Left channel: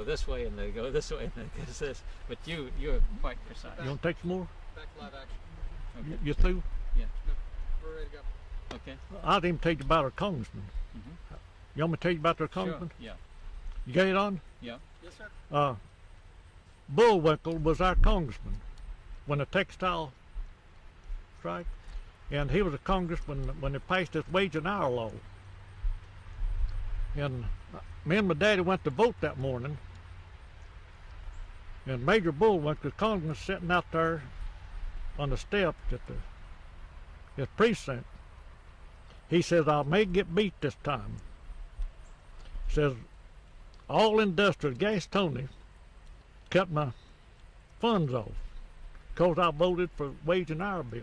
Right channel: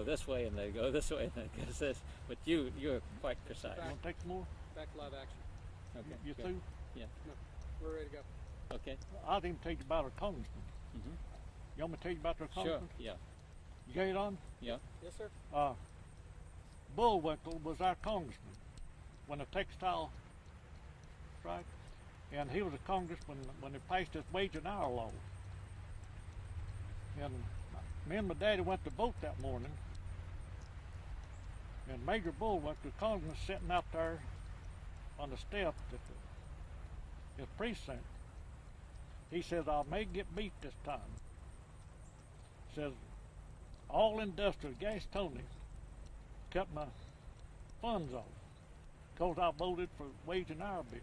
Go this way and they go this way and they go this. But you're quite precise. You want to take some more? Back to live action. Okay. You through? Yeah. No, we're ready to go. Okay. I didn't tell you about our congressman. You want me to tell you about our congressman? Sure. Yeah. You got it on? Yeah. Yes, sir. Bullwinkle was our congressman when the textile strike, and he was a congressman when they passed this wage and hour law. And me and my daddy went to vote that morning, and Major Bullwinkle, the congressman, sitting out there on the steps at his precinct. He says, I may get beat this time. He says, all industrial gas Tony cut my funds off because I voted for wage and hour bill.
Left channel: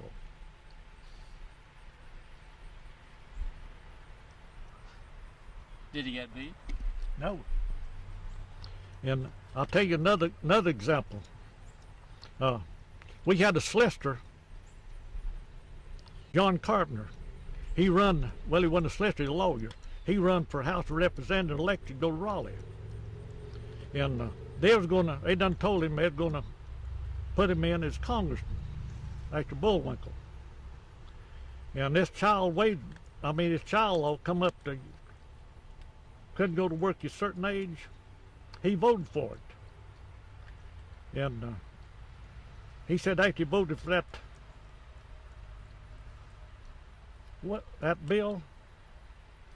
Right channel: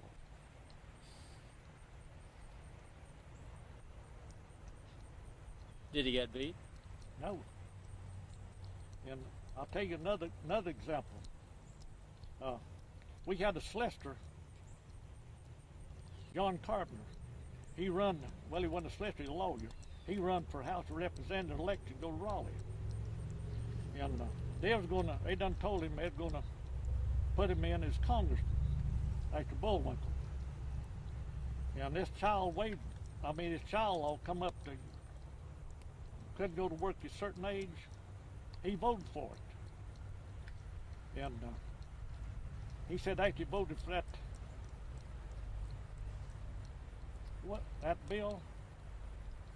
Did he get beat? No. And I'll tell you another example. We had a solicitor, John Carpenter. He wasn't a solicitor, he was a lawyer. He run for House of Representatives elected to go to Raleigh. And they done told him they was gonna put him in as congressman after Bullwinkle. And this child law come up to couldn't go to work at a certain age. He voted for it. And he said after he voted for that bill,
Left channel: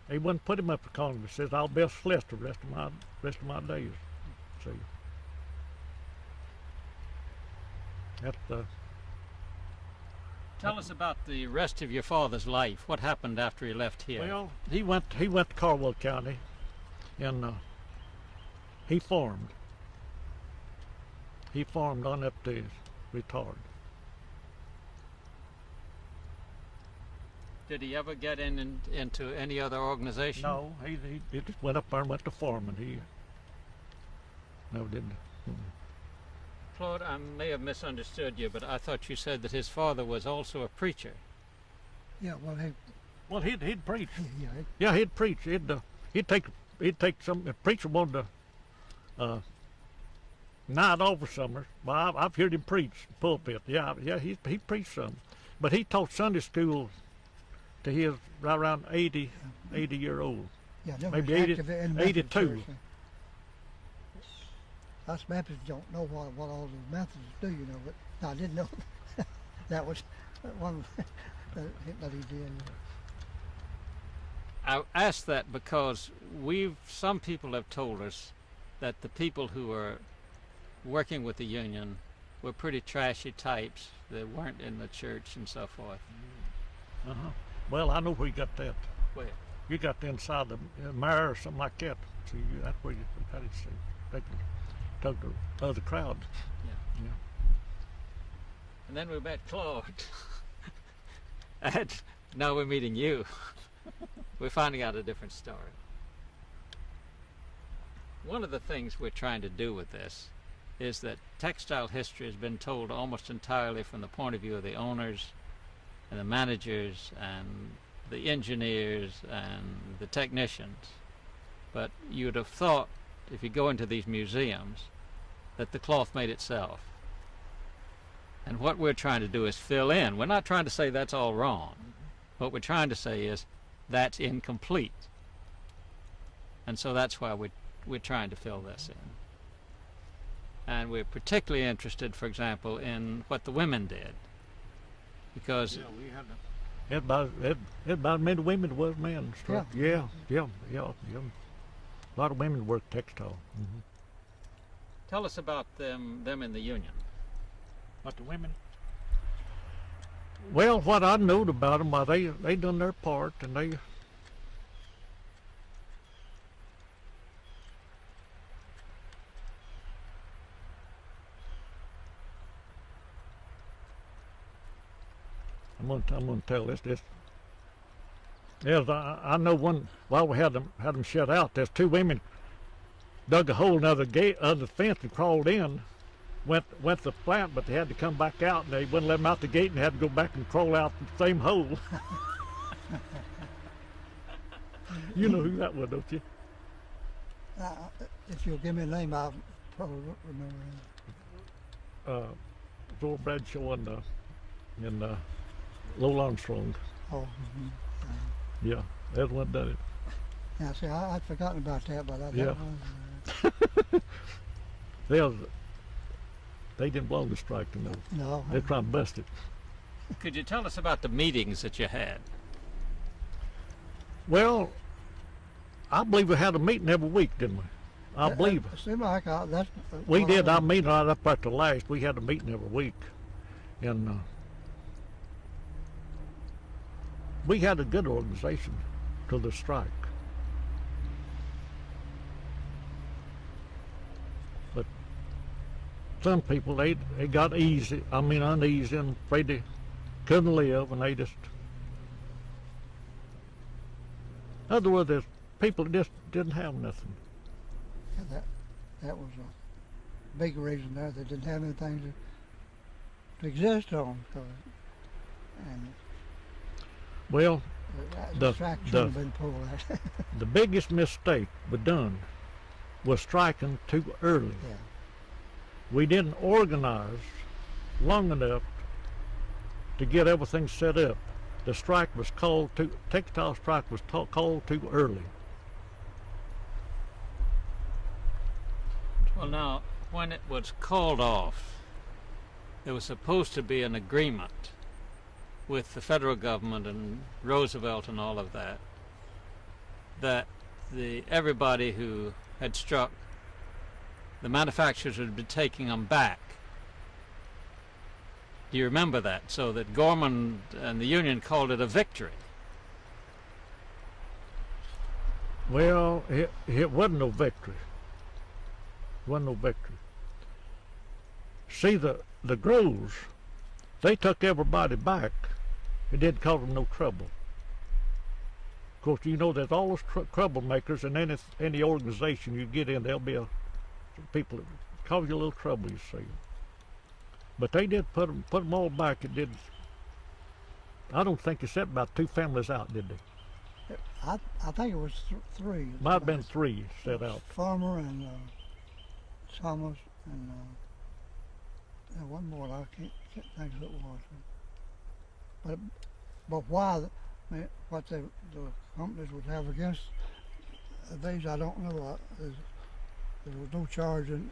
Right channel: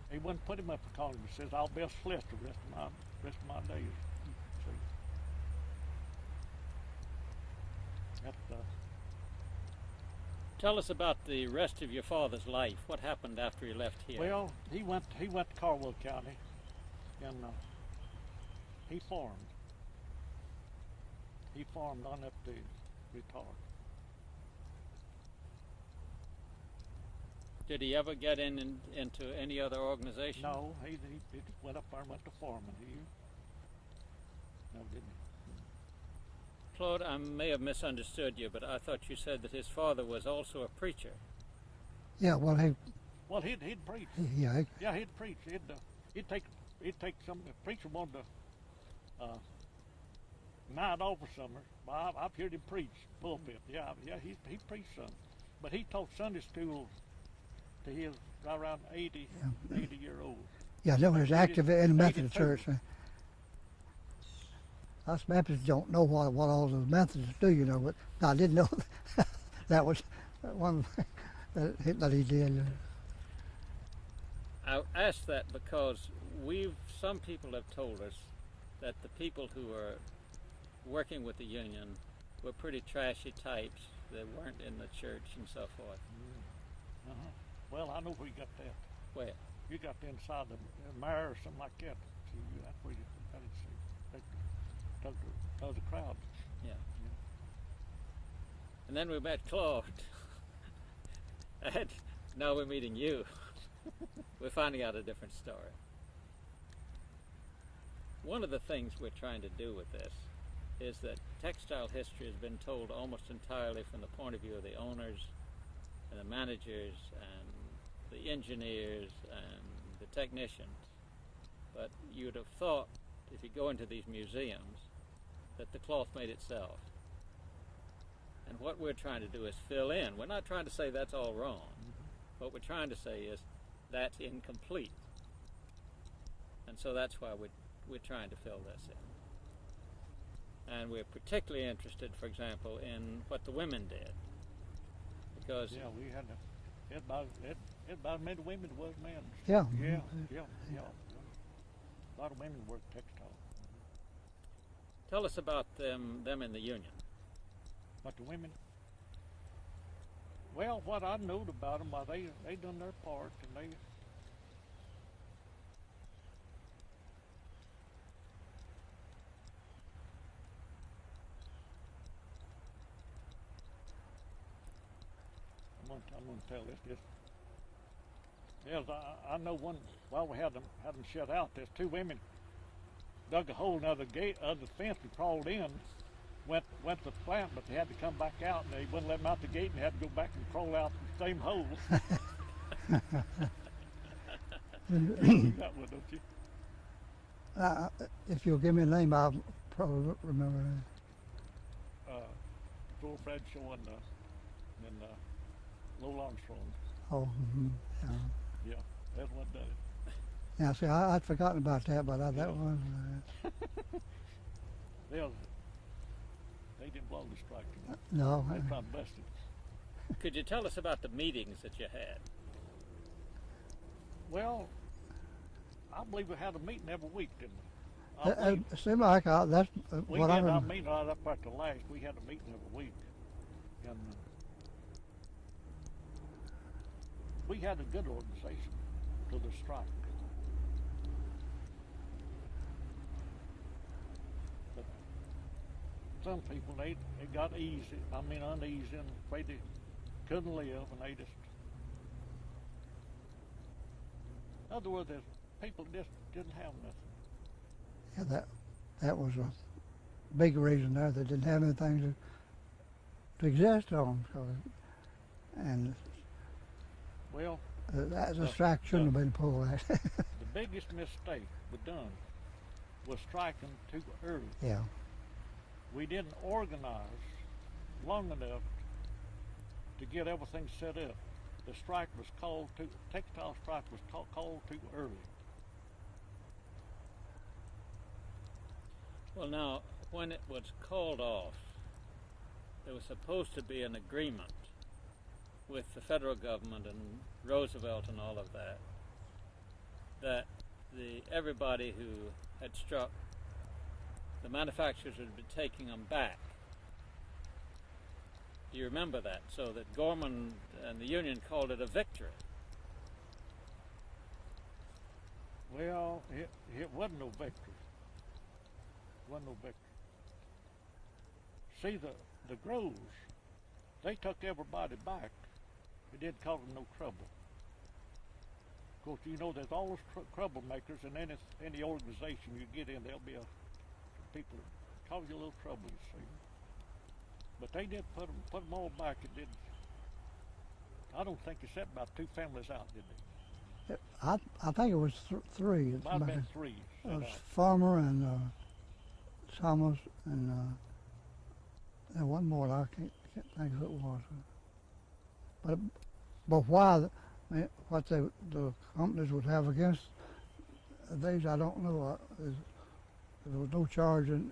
he wouldn't put him up for Congress. He says, I'll be a solicitor the rest of my days. See. That's Tell us about the rest of your father's life. What happened after he left here? well, he went to Caldwell County, and he farmed. He farmed on up to his retard. Did he ever get into any other organization? No, he just went up there and went to farming. He never did. Claude, I may have misunderstood you, but I thought you said that his father was also a preacher. Yeah, well, He'd preach. yeah, Yeah, he'd preach. He'd take some. The preacher wanted to night off for summer. Well, I've heard him preach pulpit. Yeah, he preached some, but he taught Sunday school to his right around 80-year-old. yeah, that was Maybe 80 active in the Methodist 82. church. Us Baptists don't know what all the Methodists do, you know, but I didn't know that was one that he did. I asked that because some people have told us that the people who were working with the union were pretty trashy types. They weren't in the church and so forth. Well, I know where you got that. Where? You got the inside the mayor or something like that. See, that's where you got it. See, they can talk to the other crowd. Yeah. Yeah. And then we met Claude. And now we're meeting you. We're finding out a different story. One of the things we're trying to do with this is that textile history has been told almost entirely from the point of view of the owners and the managers and the engineers and the technicians. But you'd have thought, if you go into these museums, that the cloth made itself. And what we're trying to do is fill in. We're not trying to say that's all wrong. What we're trying to say is that's incomplete. And so that's why we're trying to fill this in. And we're particularly interested, for example, in what the women did. Because Yeah, we had about as many women as was men. Yeah. A lot of women work textile. tell us about them in the union. But the women? Well, what I knowed about them, they done their part, and they I'm gonna tell this. Yes, I know one. While we had them shut out, there's two women dug a hole in the fence and crawled in. Went to the plant, but they had to come back out, and they wouldn't let them out the gate, and had to go back and crawl out the same hole. You know who that was, don't you? If you'll give me a name, I'll probably remember it. Joel Bradshaw and Lowell Armstrong. Oh, Yeah, that's what done it. yeah. See, I'd forgotten about that, but that Yeah. was. They didn't belong to strike, you know. No. They trying to bust it. Could you tell us about the meetings that you had? Well, I believe we had a meeting every week, didn't we? I believe It seemed like that's. we what did. I Our meeting right up at the last. We had a meeting every week, and we had a good organization till the strike. But some people they got easy. I mean uneasy and afraid they couldn't live, and they just. In other words, there's people that just didn't have nothing. That was a big reason there. They didn't have anything to exist on. So, and Well, the strike should have been pulled out. the biggest mistake we done was striking too early. Yeah. We didn't organize long enough to get everything set up. The strike was called textile strike was called too early. Well, now, when it was called off, there was supposed to be an agreement with the federal government and Roosevelt and all of that, that everybody who had struck, the manufacturers would be taking them back. Do you remember that? So that Gorman and the union called it a victory. Well, it wasn't no victory. It wasn't no victory. See, the Groves, they took everybody back. It didn't cause them no trouble. Of course, you know there's always troublemakers in any organization you get in. There'll be people that cause you a little trouble, you see. But they did put them all back. It did. I don't think they set about 2 families out, did they? I think it was three. Might have been 3 set out. Farmer and Thomas and there one more. I can't think who it was. But why? What the companies would have against these, I don't know. There was no charge in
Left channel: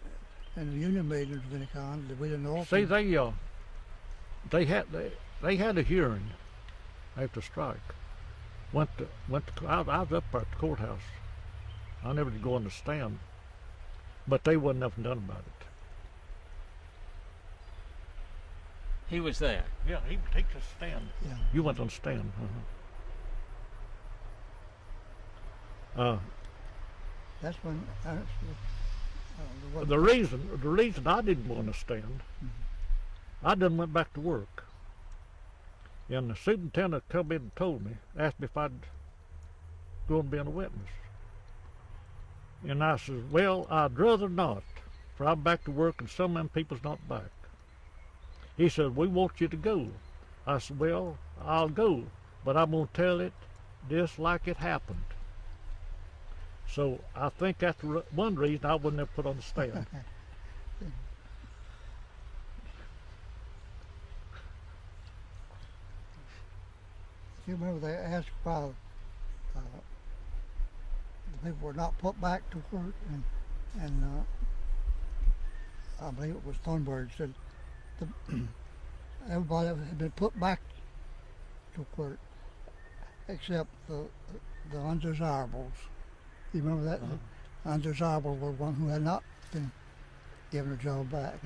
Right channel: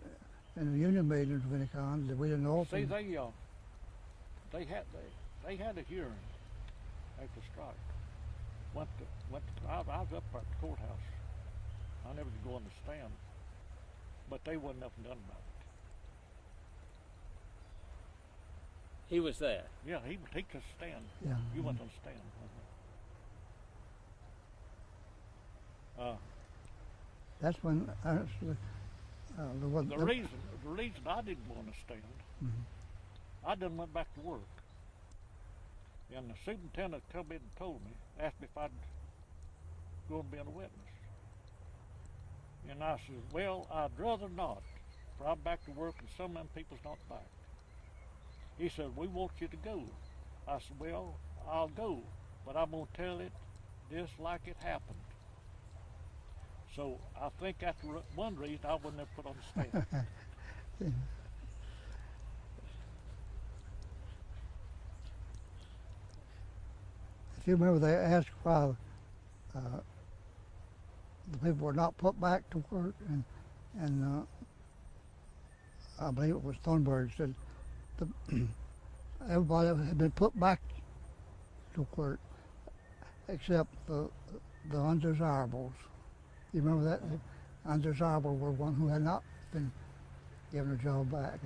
the union meetings of any kind that we didn't know. See, they had a hearing after strike. I was up at the courthouse. I never did go on the stand, but they wasn't nothing done about it. He was there. Yeah, he takes a stand. Yeah. You went on the stand. That's when The reason I didn't want to stand, I done went back to work, and the superintendent come in and told me, asked me if I'd go and be a witness, and I said, well, I'd rather not, for I'm back to work and some of them people's not back. He said, we want you to go. I said, well, I'll go, but I'm gonna tell it just like it happened. So I think that's one reason I wouldn't have put on the stand. If you remember, they asked why the people were not put back to work, and I believe it was Thornburg said everybody had been put back to work except the undesirables. You remember that? The undesirable were one who had not been given a job back.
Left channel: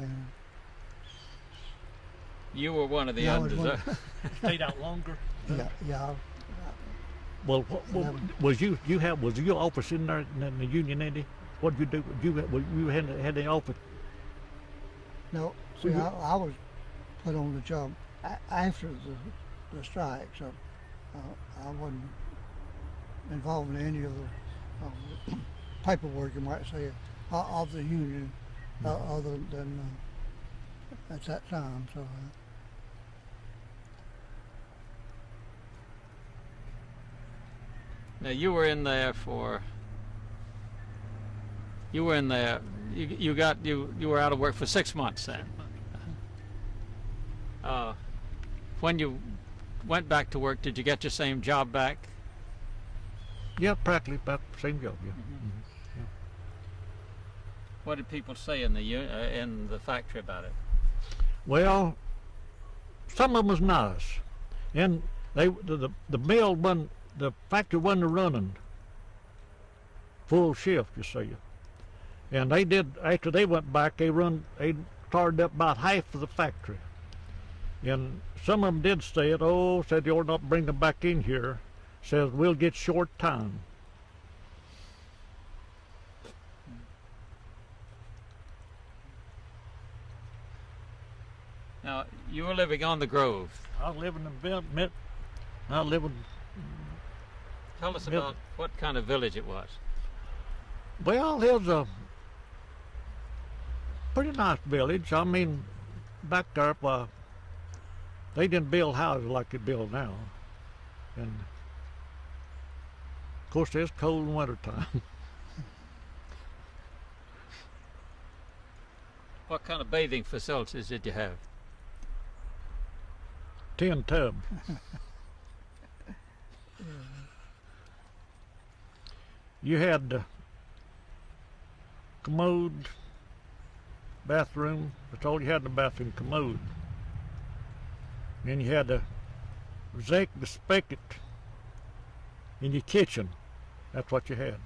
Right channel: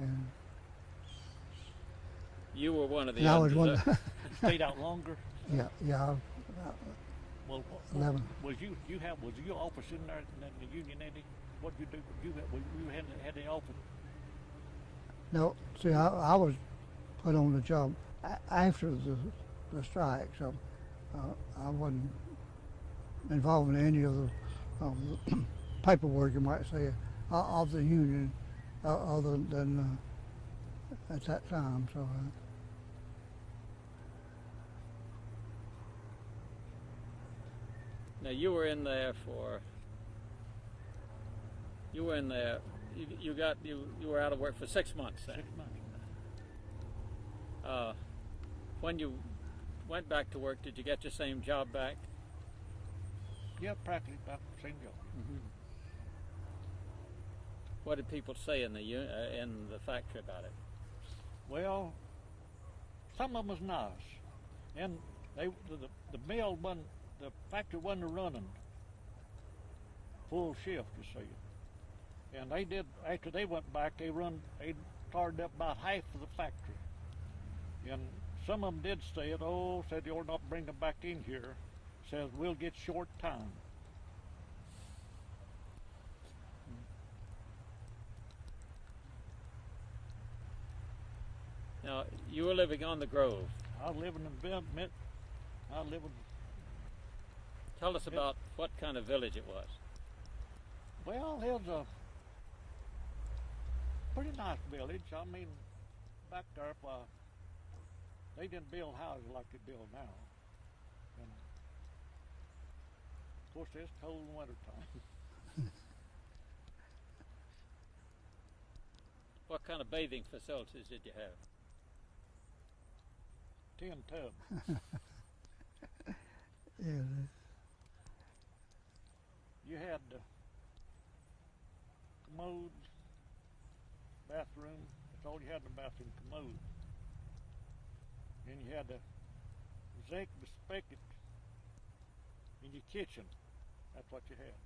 You were one of the I was undesirables. Stayed out longer. Yeah. Well, was your office in there in the union, Andy? What did you do? You had the office? No, see, I was put on the job after the strike, so I wasn't involved in any of the paperwork, you might say, of the union, other than at that time. So. Now you were in there for You were in there. You were out of work for 6 months then. When you went back to work, did you get your same job back? Yeah, practically about the same job. Yeah. What did people say in the factory about it? Well, some of them was nice, and the mill wasn't, the factory wasn't running full shift, you see. And they did, after they went back, they started up about half of the factory. And some of them did say it, said you ought not bring them back in here. Says we'll get short time. Now, you were living on the Grove. I was living in I live in. Tell us about what kind of village it was. Well, it was a pretty nice village. I mean, back there, they didn't build houses like they build now. And, of course, it's cold in wintertime. What kind of bathing facilities did you have? 10 tubs. You had commode, bathroom. That's all you had in the bathroom, commode. Then you had the spigot in your kitchen. That's what you had.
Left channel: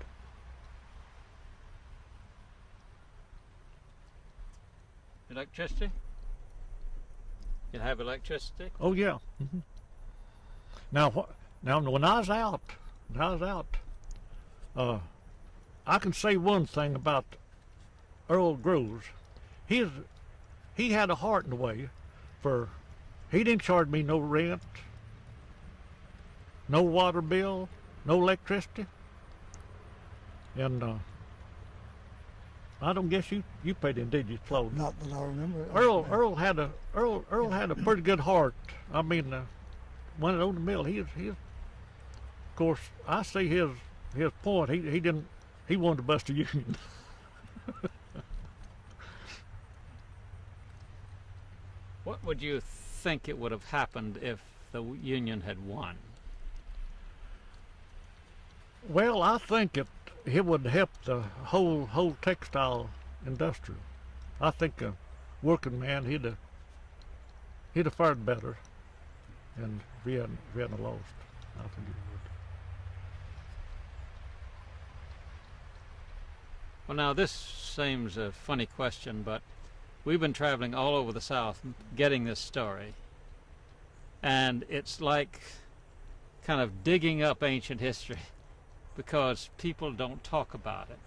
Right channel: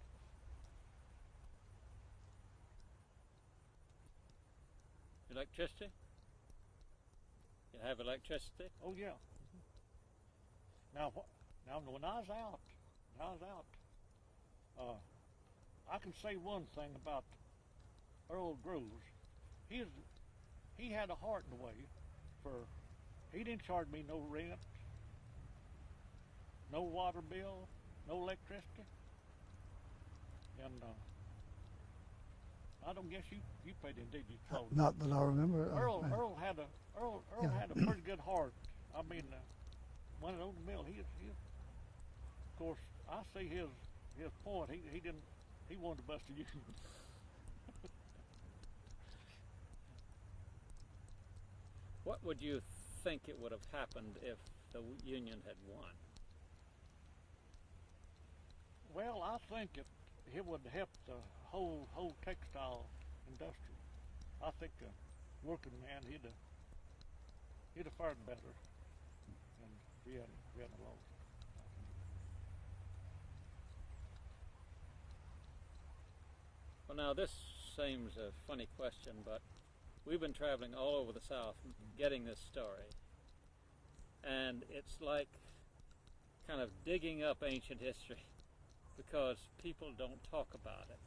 Electricity? You have electricity? Oh yeah. Now when I was out, I can say one thing about Earl Groves. He had a heart in the way, for he didn't charge me no rent, no water bill, no electricity, and I don't guess you paid him, did you, Claude? Not that I remember. Earl had a pretty good heart. I mean, when it owned the mill, he of course, I see his point. He wanted to bust the union. What would you think it would have happened if the union had won? Well, I think it would help the whole textile industry. I think a working man, he'd have fared better, and if he hadn't lost, I think he would. Well, now this seems a funny question, but we've been traveling all over the South getting this story, and it's like kind of digging up ancient history, because people don't talk about it,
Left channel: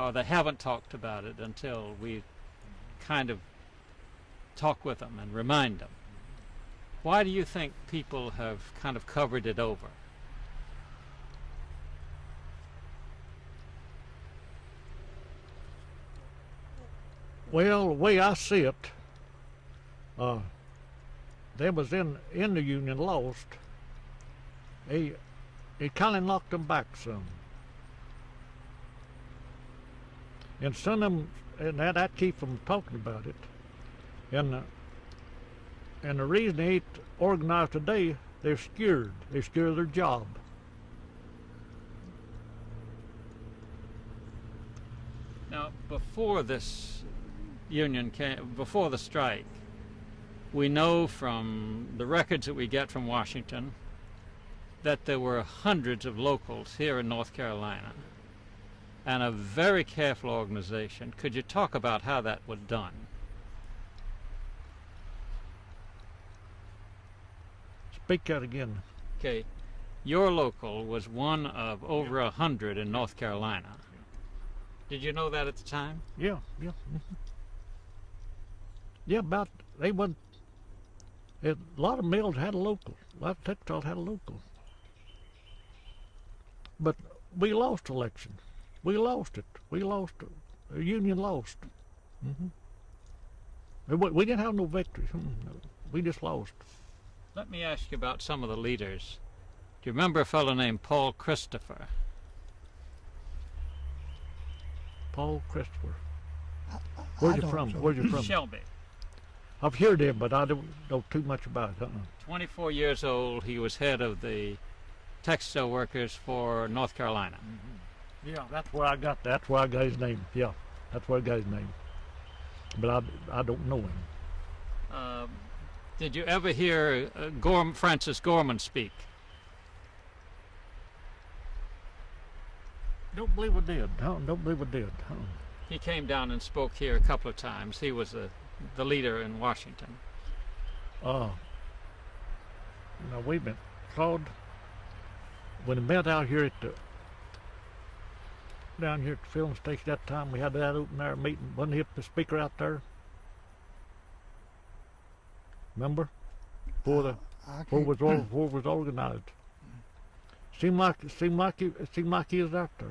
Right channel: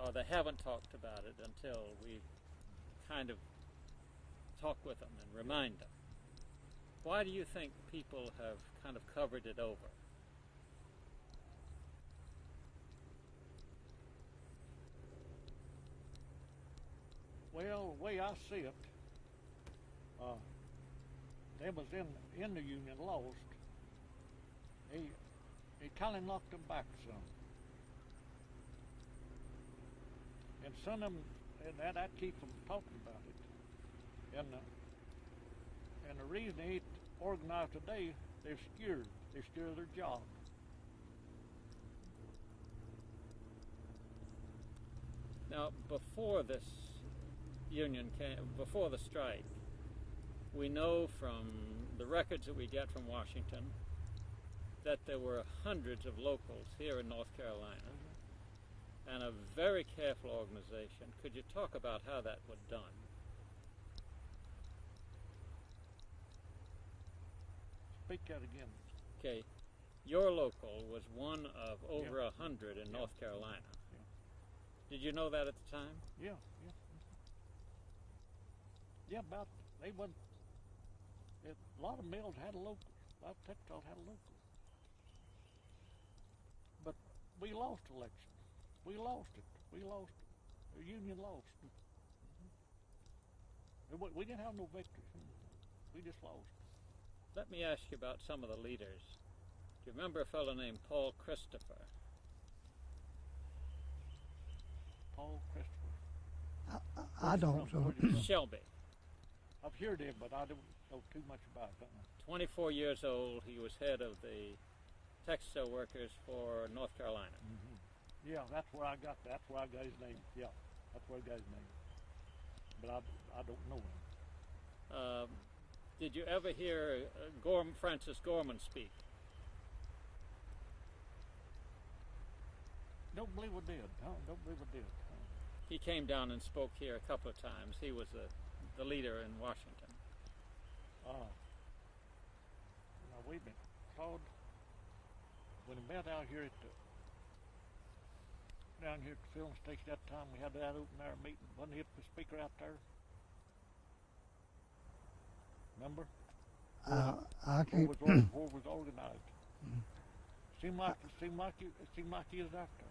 or they haven't talked about it until we kind of talk with them and remind them. Why do you think people have kind of covered it over? Well, the way I see it, them was in the union lost. It kind of knocked them back some. And some of them, and that keep them talking about it. And the reason they ain't organized today, they're scared. They're scared of their job. Now, before this union came, before the strike, we know from the records that we get from Washington that there were hundreds of locals here in North Carolina and a very careful organization. Could you talk about how that was done? Speak that again. Okay, your local was one of over 100 in North Carolina. Did you know that at the time? Yeah. Yeah, they went. A lot of mills had a local. A lot of textiles had a local. But we lost election. We lost it. We lost it. The union lost. We didn't have no victory. We just lost. Let me ask you about some of the leaders. Do you remember a fellow named Paul Christopher? Paul Christopher. Where's I you don't from? so. Where's you from? Shelby. I've heard him, but I don't know too much about it. 24 years old, he was head of the textile workers for North Carolina. Yeah, that's where I got. That's where I got his name. Yeah, that's where I got his name. But I don't know him. Did you ever hear Francis Gorman speak? Don't believe I did. Don't believe I did. He came down and spoke here a couple of times. He was the leader in Washington. Now wait a minute, Claude. When we met out here at down here at the film station that time, we had that open air meeting. Wasn't he the speaker out there? Remember? Before was organized. Seemed like he was out there.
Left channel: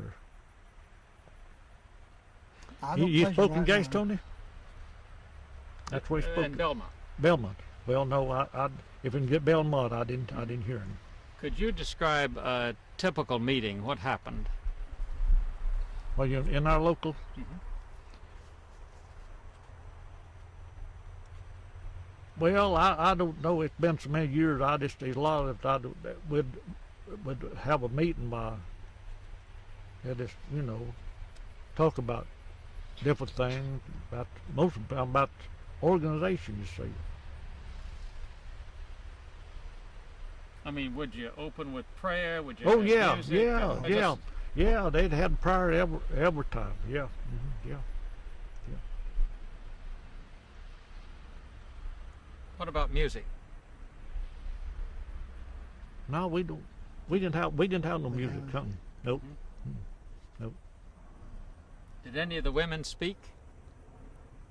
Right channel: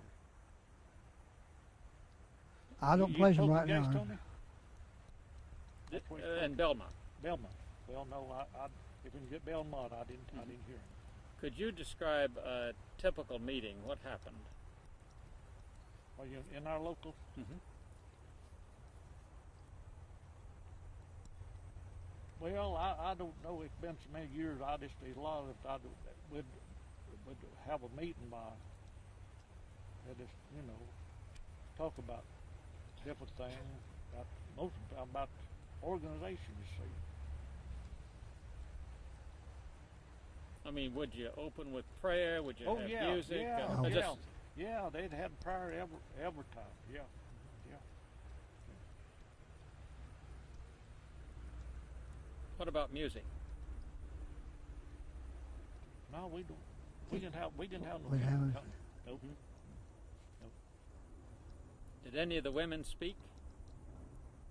I don't You place him spoke in right Gates, now. Tony? That's where he spoke. In Belmont. Belmont. Well, no, I if we can get Belmont, I didn't hear him. Could you describe a typical meeting? What happened? Well, you in our local. Well, I don't know. It's been so many years. There's a lot of it. We'd have a meeting by. Yeah, just talk about different things about most of the time about organization. You see. I mean, would you open with prayer? Would you? Oh have yeah, music? yeah. They'd had prayer every time. Yeah, yeah. What about music? No, we don't. We didn't have no music. Something. Nope. Nope. Did any of the women speak?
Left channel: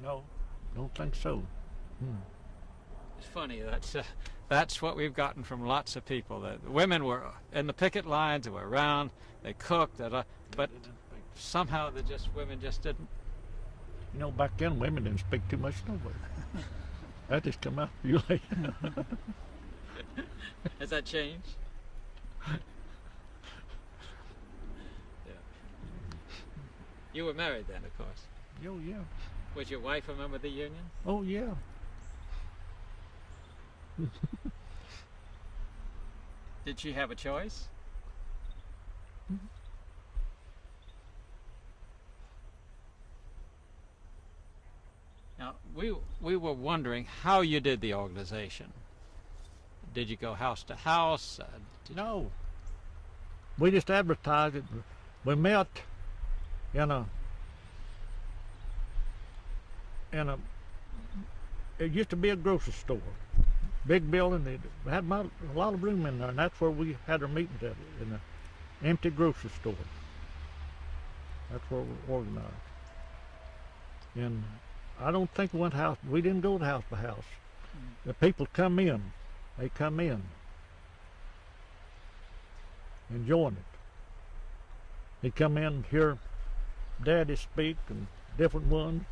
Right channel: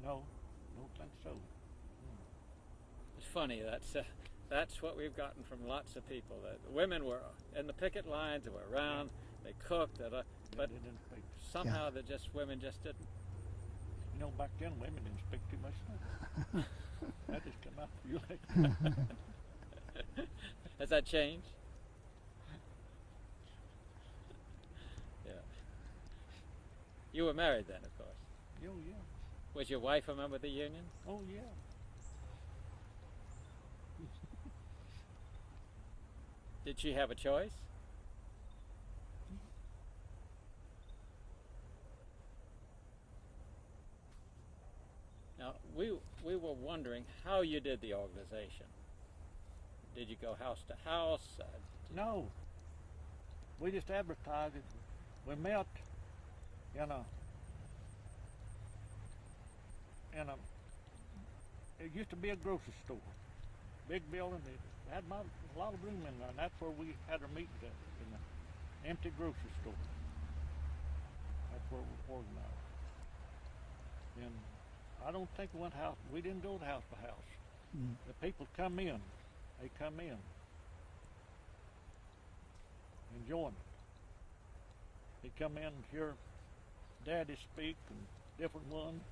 No. Don't think so. It's funny. That's what we've gotten from lots of people. That the women were in the picket lines. They were around. They cooked. But somehow women just didn't. Back then women didn't speak too much nobody. That just come out you late. Has that changed? Yeah. You were married then, of course. Oh yeah. Was your wife a member of the union? Oh yeah. Did she have a choice? Now, we were wondering how you did the organization. Did you go house to house? No. We just advertised it. We met in a it used to be a grocery store. Big building. It had a lot of room in there, and that's where we had our meetings at, in an empty grocery store. That's where we were organized. And I don't think we didn't go to house to house. The people come in. They come in and join it. They come in and hear Daddy speak and different ones.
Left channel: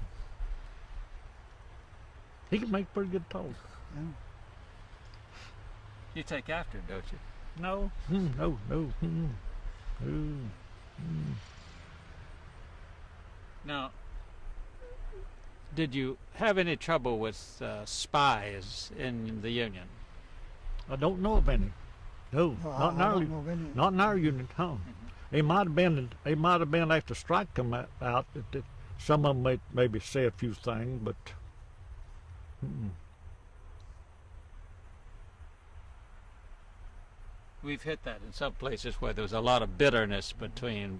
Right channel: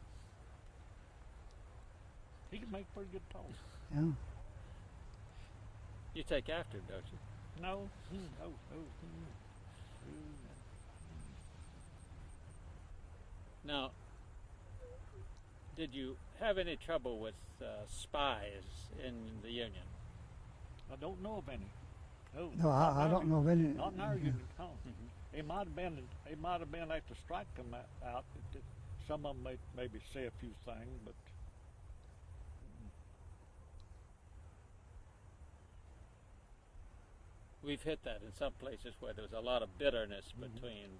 He can make pretty good talk. Yeah. You take after him, don't you? No. No. Now, did you have any trouble with spies in the union? I don't know of any. No, No, not, I don't know of any. not in our union. Huh? They might have been. They might have been after strike come out. That some of them maybe say a few things, but. We've hit that in some places where there was a lot of bitterness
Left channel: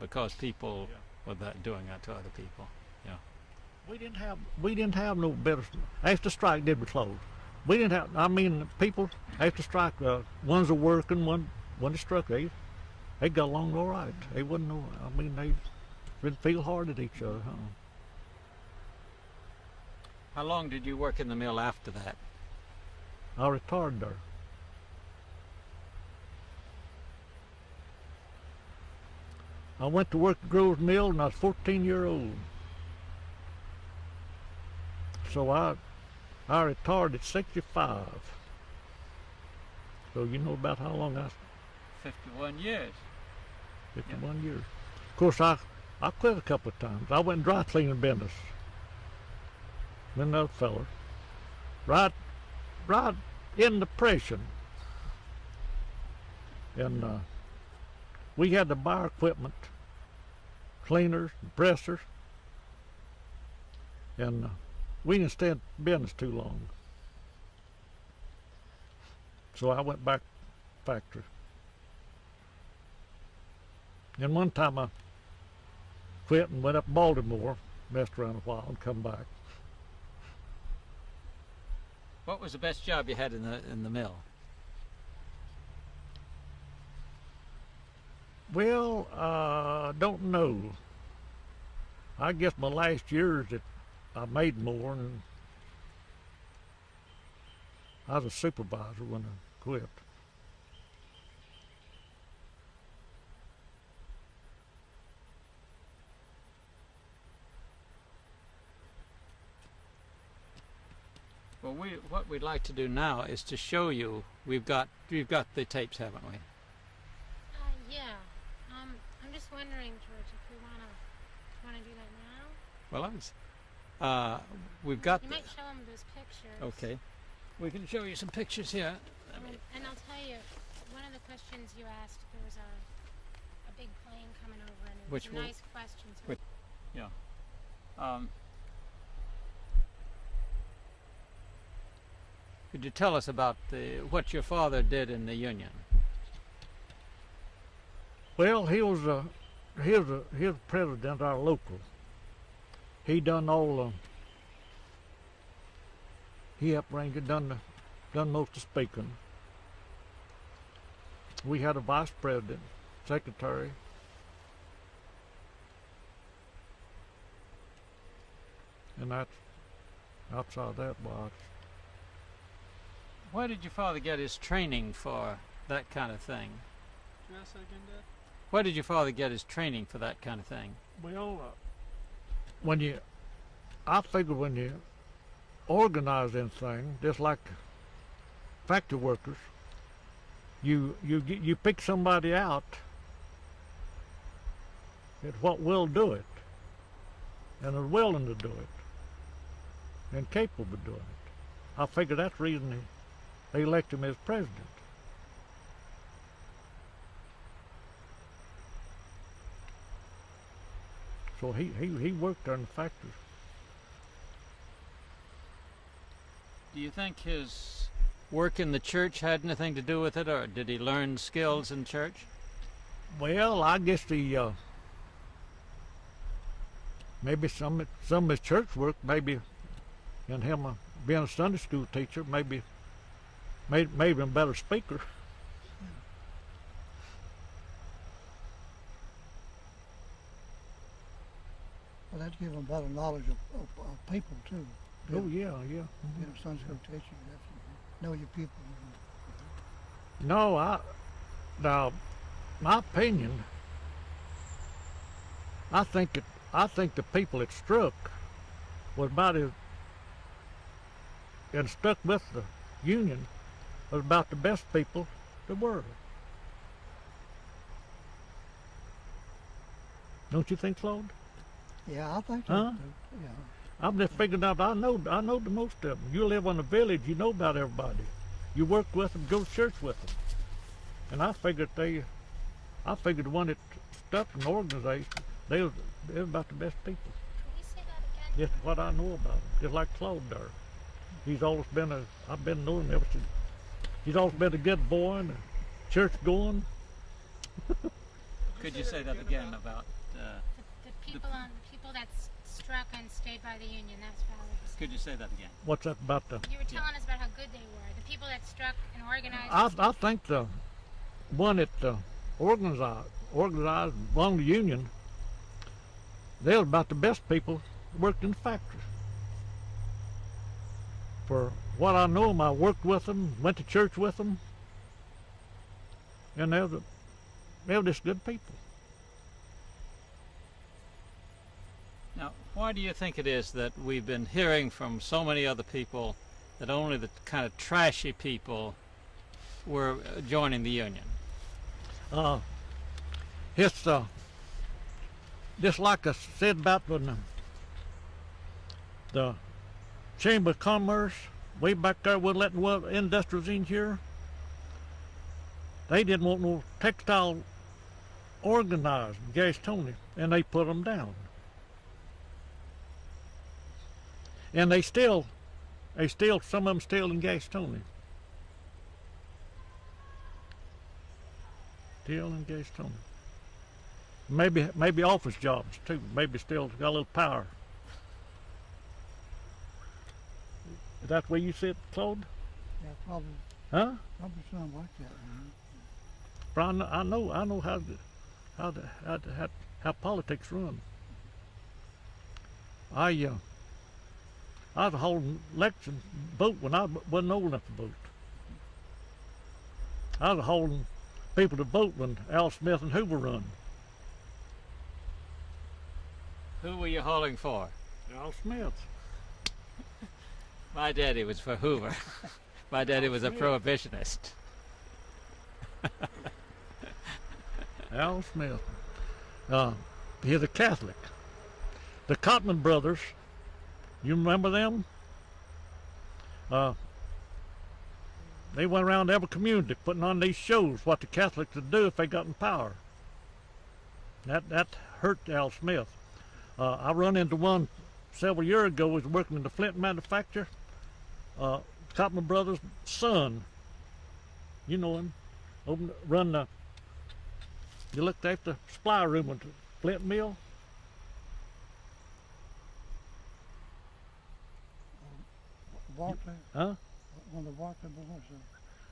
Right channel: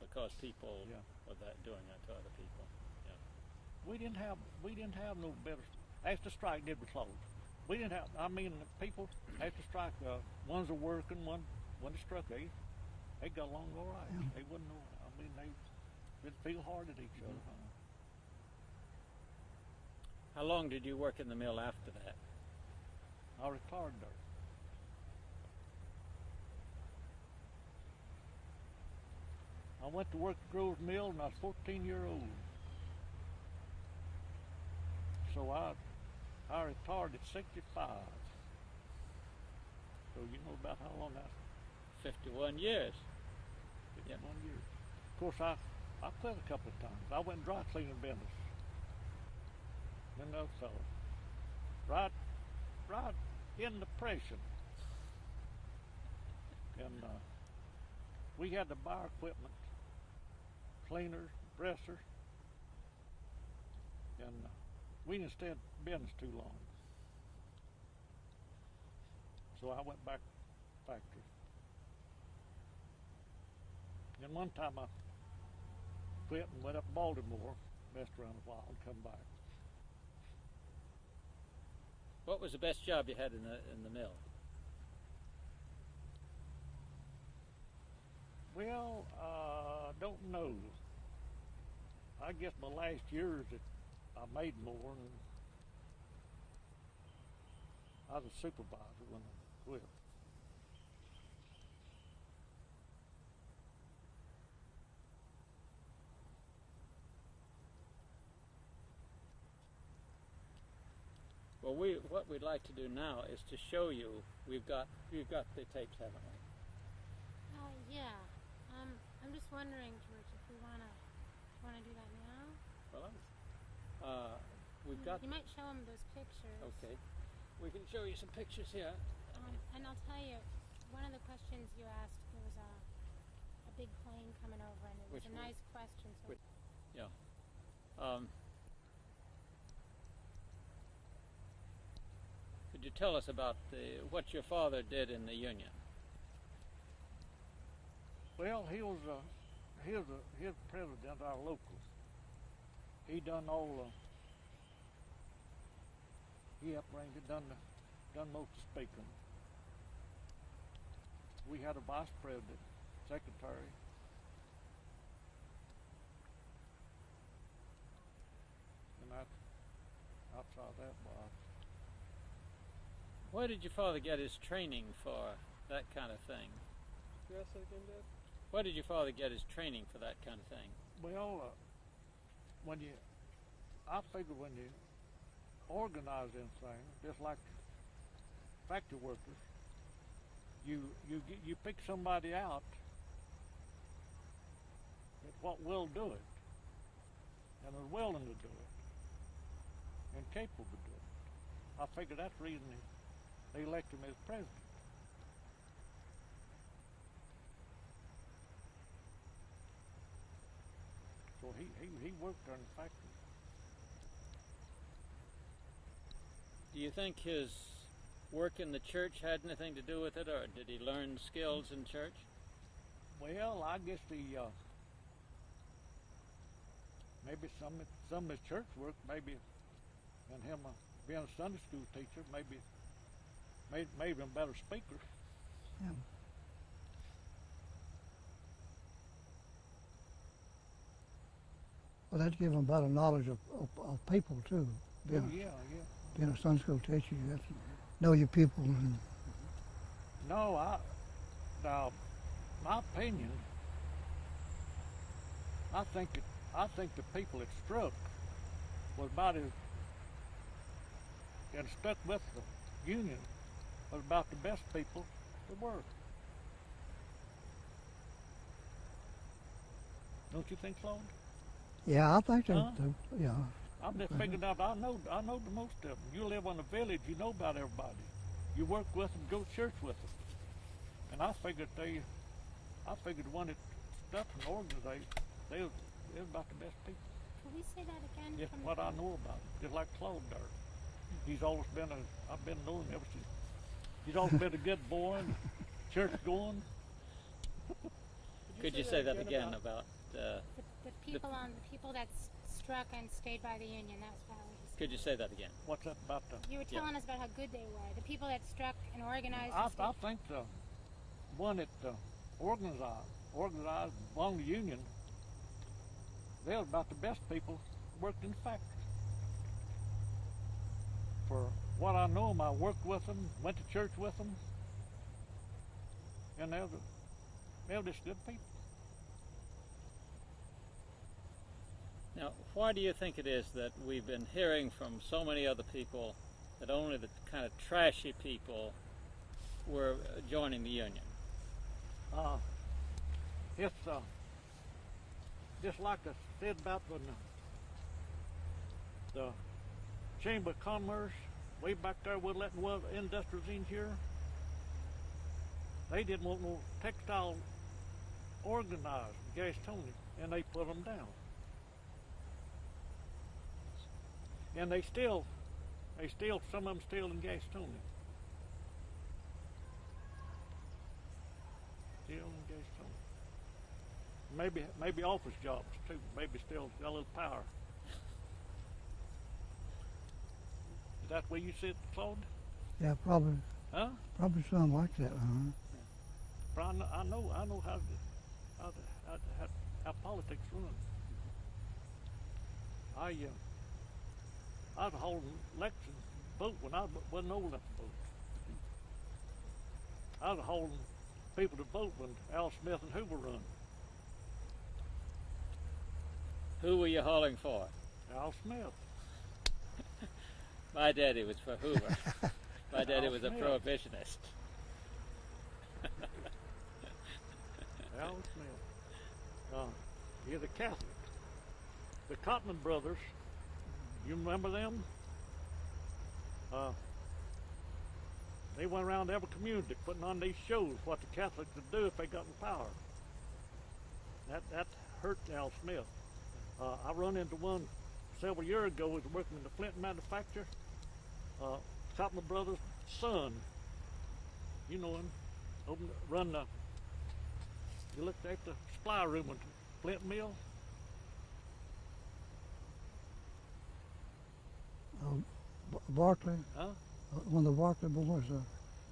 because people were doing that to other people. Yeah. We didn't have no better. After strike did we close. We didn't have. I mean, people after strike, ones are working, one is struck. They got along all right. They wasn't no. I mean, they didn't feel hard at each other. Huh? How long did you work in the mill after that? I retired there. I went to work at Grove's Mill when I was 14-year-old. So I retired at 65. So you know about how long 51 years. 51 years. Of course, I I quit a couple of times. I went dry cleaning business. With another feller. Right in depression. And we had to buy our equipment, cleaners, pressers, and we didn't stay in business too long. So I went back to the factory. And one time I quit and went up to Baltimore, messed around a while, and come back. What was the best job you had in the mill? Well, don't know. I guess my last years that I made more, and I was a supervisor when I quit. Well, what we'd like to do now is to show you. We've got the tapes, haven't we? Yeah. I'm just wondering, George, if we wanna do that now. Well, we've got. You might show them those pictures. Okay, we can show you some pictures here. And I'll tell you, one of the questions you asked, there was a big plane coming over, and it was Which a one? nice question. So Which- Yeah. Could you tell us about what your father did in the Union? Well, he was president of our local. He done all. He helped arrange it, done most of the speaking. We had a vice president, secretary. And that's outside that box. Why did your father get his training for that kind of thing? Did you ask that again, Dad? Why did your father get his training for that kind of thing? Well, I figure when you organize anything, just like factory workers, you pick somebody out that what will do it, and are willing to do it, and capable of doing it. I figure that's the reason they elect him as president. So he worked there in the factory. Do you think his work in the church had anything to do with it, or did he learn skills in church? Well, I guess maybe some of his church work, maybe, and him being a Sunday school teacher, maybe made him a better speaker. But that gives them better knowledge of people too. Oh yeah. Being a Sunday school teacher, you have to know your people. And No, now, my opinion, I think the people that struck was about as, and stuck with the Union, was about the best people there were. Don't you think, Claude? yeah, I think so Huh? too. Yeah. I'm just figuring out. I know the most of them. You live in a village, you know about everybody. You work with them, go to church with them. And I figured the one that stuck in the organization, they was about the best people. Could we see that again? Just from what the I know about him. Just like Claude there. He's always been I've been knowing him ever since. He's always been a good boy and a church going. Could you say that again about? the people that struck and stayed by the Union? That's what I was. Could you say that again? What's that about the? You were telling us about how good they were. The people that struck and organized. I think the one that organized along the Union, they were about the best people that worked in the factories. For what I know, I worked with them, went to church with them, and they were just good people. Now, why do you think it is that we've been hearing from so many other people that only the kind of trashy people were joining the Union? It's just like I said about when the Chamber of Commerce, way back there, we're letting industrials in here. They didn't want no textile organized in Gastonia, and they put them down. And they still, some of them still in Gastonia. Still in Gastonia. Maybe office jobs too. Maybe still got a little power. Is that where you sit, Claude? Yeah, probably. Huh? Probably something like that. But I know how politics run. I was holding election vote when I wasn't old enough to vote. I was holding people to vote when Al Smith and Hoover run. Who were you hauling for? Al Smith. My daddy was for Hoover. My daddy Al was a Smith. prohibitionist. Al Smith. He's a Catholic. The Cotman brothers, you remember them? They went around every community putting on these shows what the Catholics would do if they got in power. That hurt Al Smith. I run into one several years ago. He was working in the Flint manufacturer. Cotman brothers' son, you know him, you looked after the supply room at the Flint mill. Bartley, Huh? one of the Bartley boys.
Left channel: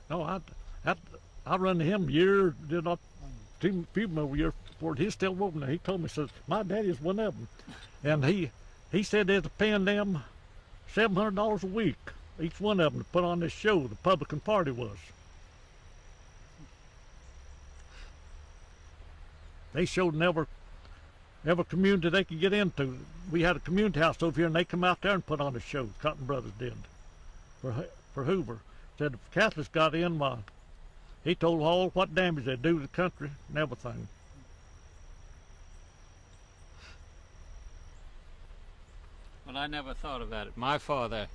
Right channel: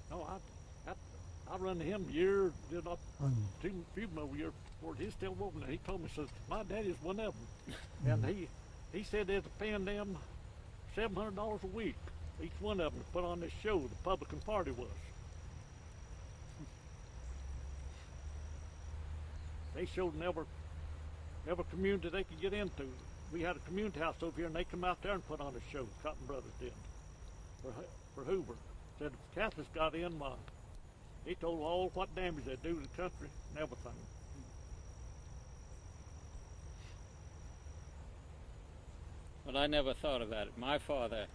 No, I run to him years, did not few more years before. He's still working there. He told me, says, my daddy's one of them. And he said they're paying them $700 a week, each one of them, to put on this show. The Republican Party was. They showed in every community they could get into. We had a community house over here, and they come out there and put on a show. Cotton Brothers did for Hoover. Said if the Catholics got in, why, he told all what damage they'd do to the country and everything. Well, I never thought about it. My father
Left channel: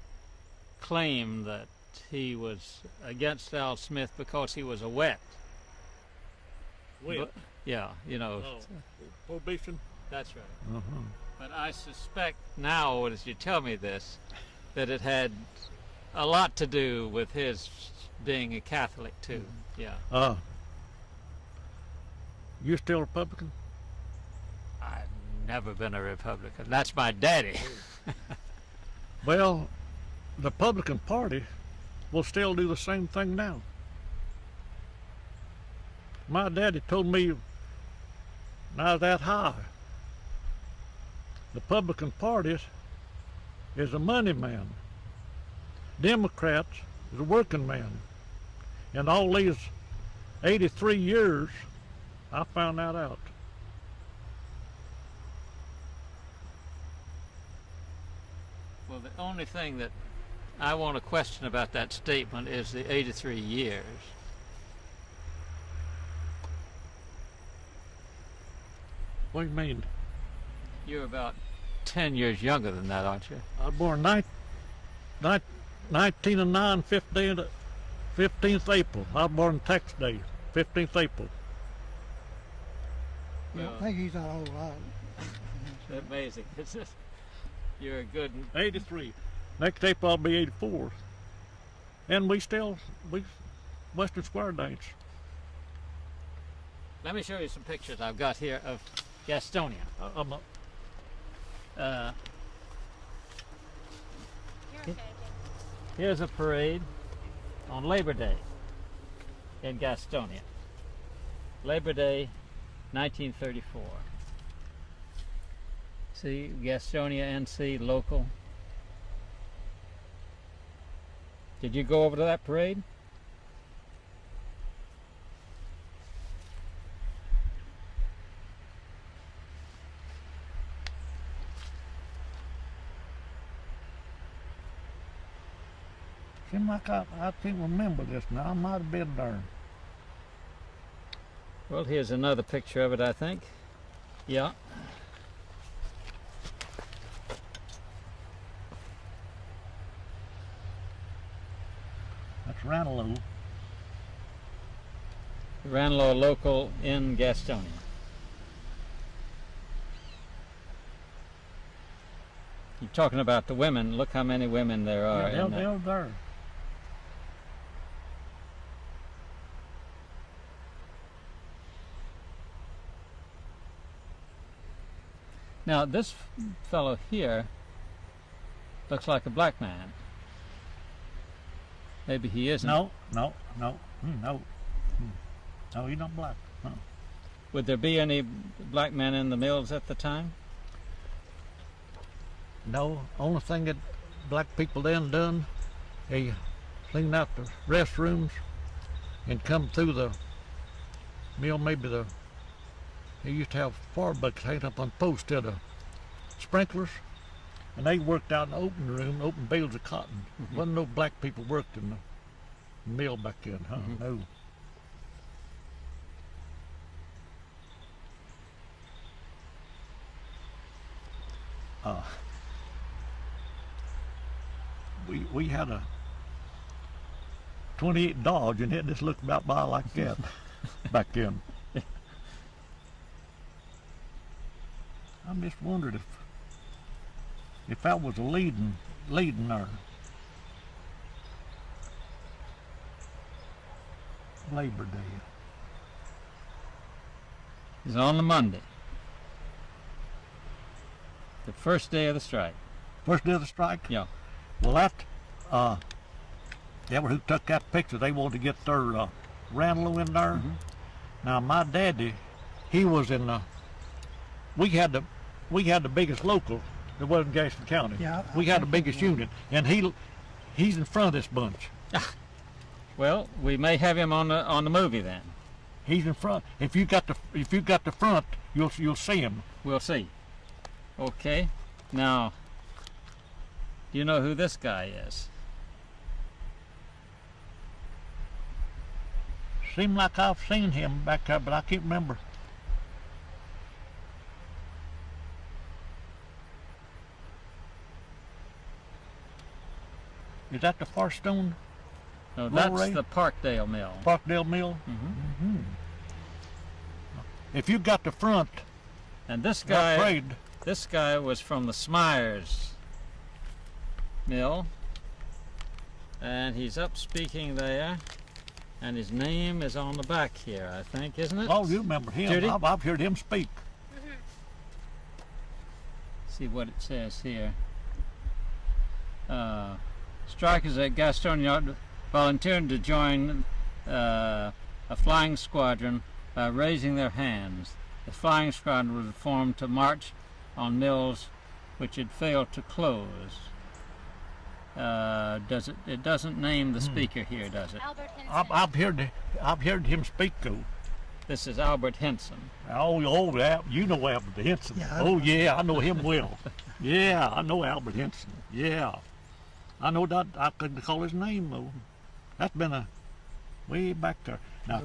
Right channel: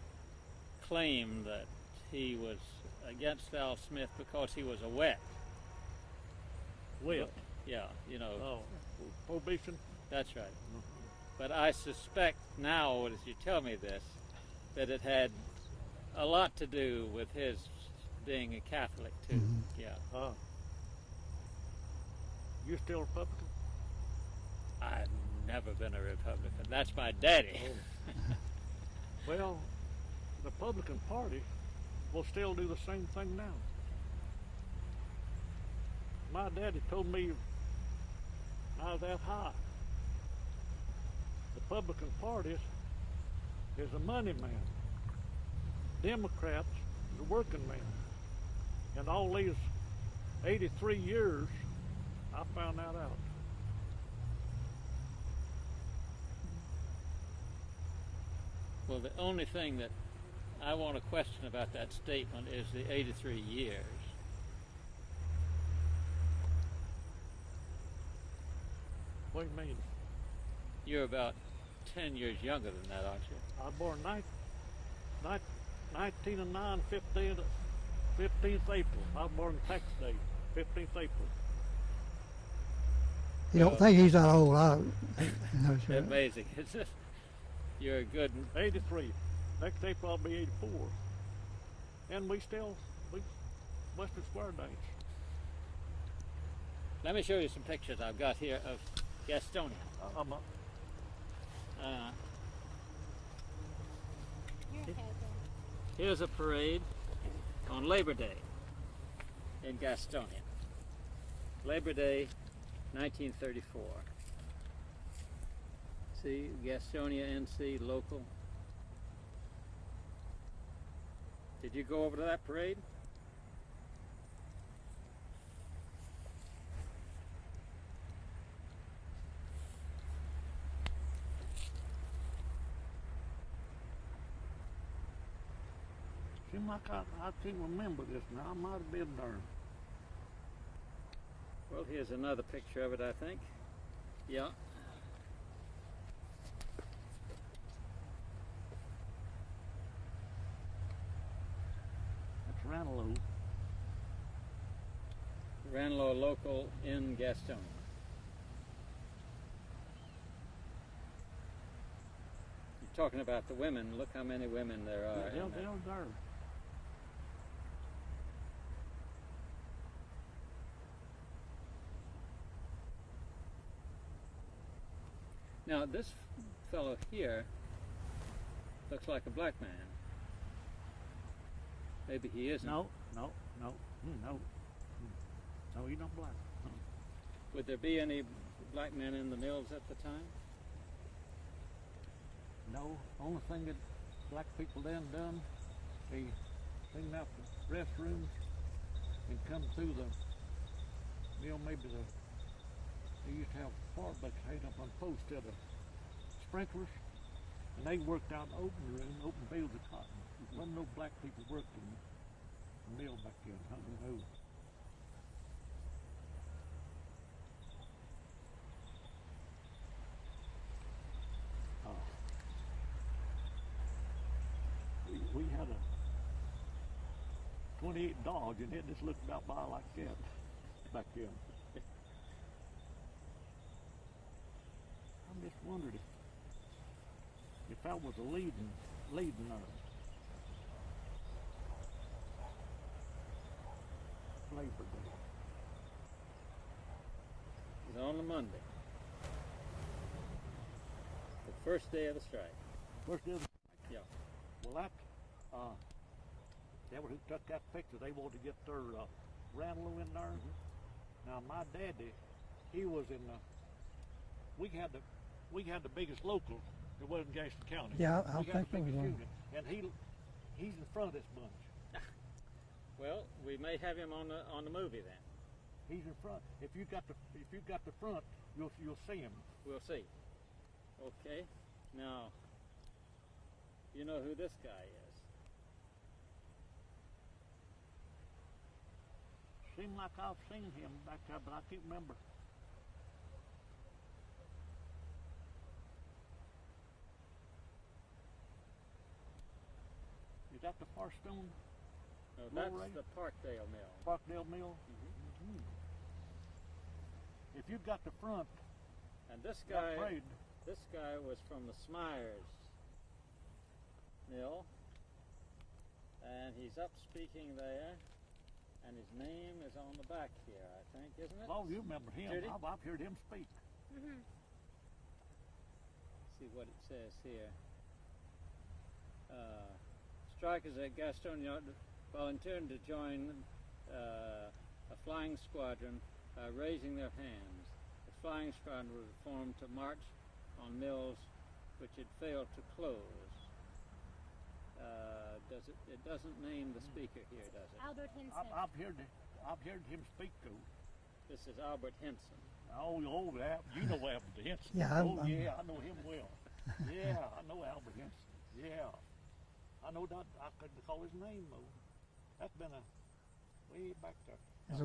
claimed that he was against Al Smith because he was a wet. Well, Yeah, you know. prohibition. That's right. Uh-huh. But I suspect now, as you tell me this, that it had a lot to do with his being a Catholic too. Yeah. You still Republican? I've never been a Republican. That's my daddy. Well, the Republican Party will still do the same thing now. My daddy told me when I was that high, the Republican Party is a money man. Democrats is a working man. In all these 83 years, I found that out. Well, the only thing that I want to question about that statement is the 83 years. What do you mean? You're about 10 years younger than that, aren't you? I was born 1909, 15th April. I was born tax day, 15th April. You don't think he's that old? Amazing. It's just, you're a good... 83. Next April I'll be 84. And we Western Square dance. Let me show you some pictures I've got here of Gastonia. Here's a parade on Labor Day in Gastonia. Labor Day, 1934. See, Gastonia NC local. Did you go over to that parade? Seems like I can't remember this now. I might have been there. Well, here's another picture of it, I think. Yeah. Ranelagh. Ranelagh local in Gastonia. You're talking about the women. Look how many women there are. Yeah, in that. they're there. Now this fellow here looks like a black man. Maybe he isn't. No. No, he's not black. No. Would there be any black men in the mills at the time? No, only thing that black people then done, they cleaned out the restrooms and come through the mill. They used to have fire buckets hanging up on posts instead of sprinklers, and they worked out in the open room, open bales of cotton. Wasn't no black people worked in the mill back then, huh? No. We had a 28 Dodge, and it just looked about by like that back then. I'm just wondered if that was a leading our Labor Day. It's on the Monday. The first day of the strike. First day of the strike? Yeah. Well, that was who took that picture. They wanted to get their Ranelagh in there. Now, my daddy, he was in we had the biggest local. There wasn't Gaston County. Yeah, we had the biggest union, and he's in front of this bunch. Well, we may have him on the movie then. He's in front. If you got the front, you'll see him. We'll see. Okay. Now, do you know who this guy is? Seemed like I've seen him back there, but I can't remember. Is that the Farstone? No, Roll that's Ray? the Parkdale Mill. Parkdale Mill? If you got the front, And this not guy, afraid. this guy was from the Smyers Mill, and he's up speaking there, and his name is on the back here, I think, isn't it? Oh, you remember him. Judy? I've heard him speak. See what it says here. Strikers at Gastonia volunteered to join a flying squadron by raising their hands. The flying squadron was formed to march on mills which had failed to close. It doesn't name the speaker here, does it? Albert Henson. I've heard him speak though. This is Albert Henson. Oh, you know Albert Henson. Yeah, Oh yeah, I know him well. Yeah, I know Albert Henson. Yeah, I know that. I couldn't call his name though. That's been a way back there. Now,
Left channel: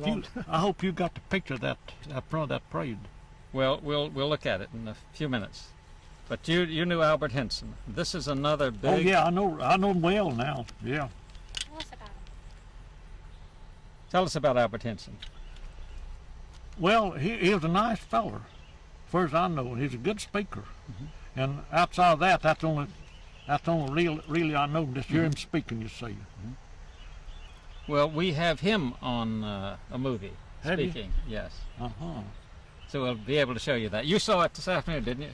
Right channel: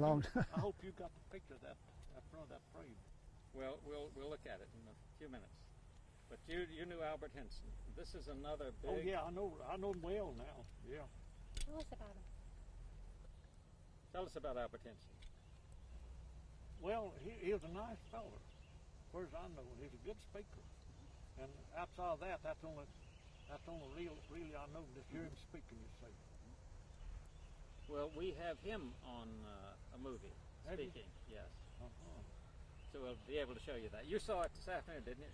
I hope you got the picture of that front of that parade. Well, we'll look at it in a few minutes. But you knew Albert Henson. This is another big. Oh yeah, I know him well now. Yeah. Tell us about him. Tell us about Albert Henson. Well, he was a nice feller, as far as I know. He's a good speaker, and outside of that, that's only really I know. Just hear him speaking, you see. Well, we have him on a movie Have you? speaking. Yes. Uh-huh. So we'll be able to show you that. You saw it this afternoon, didn't you?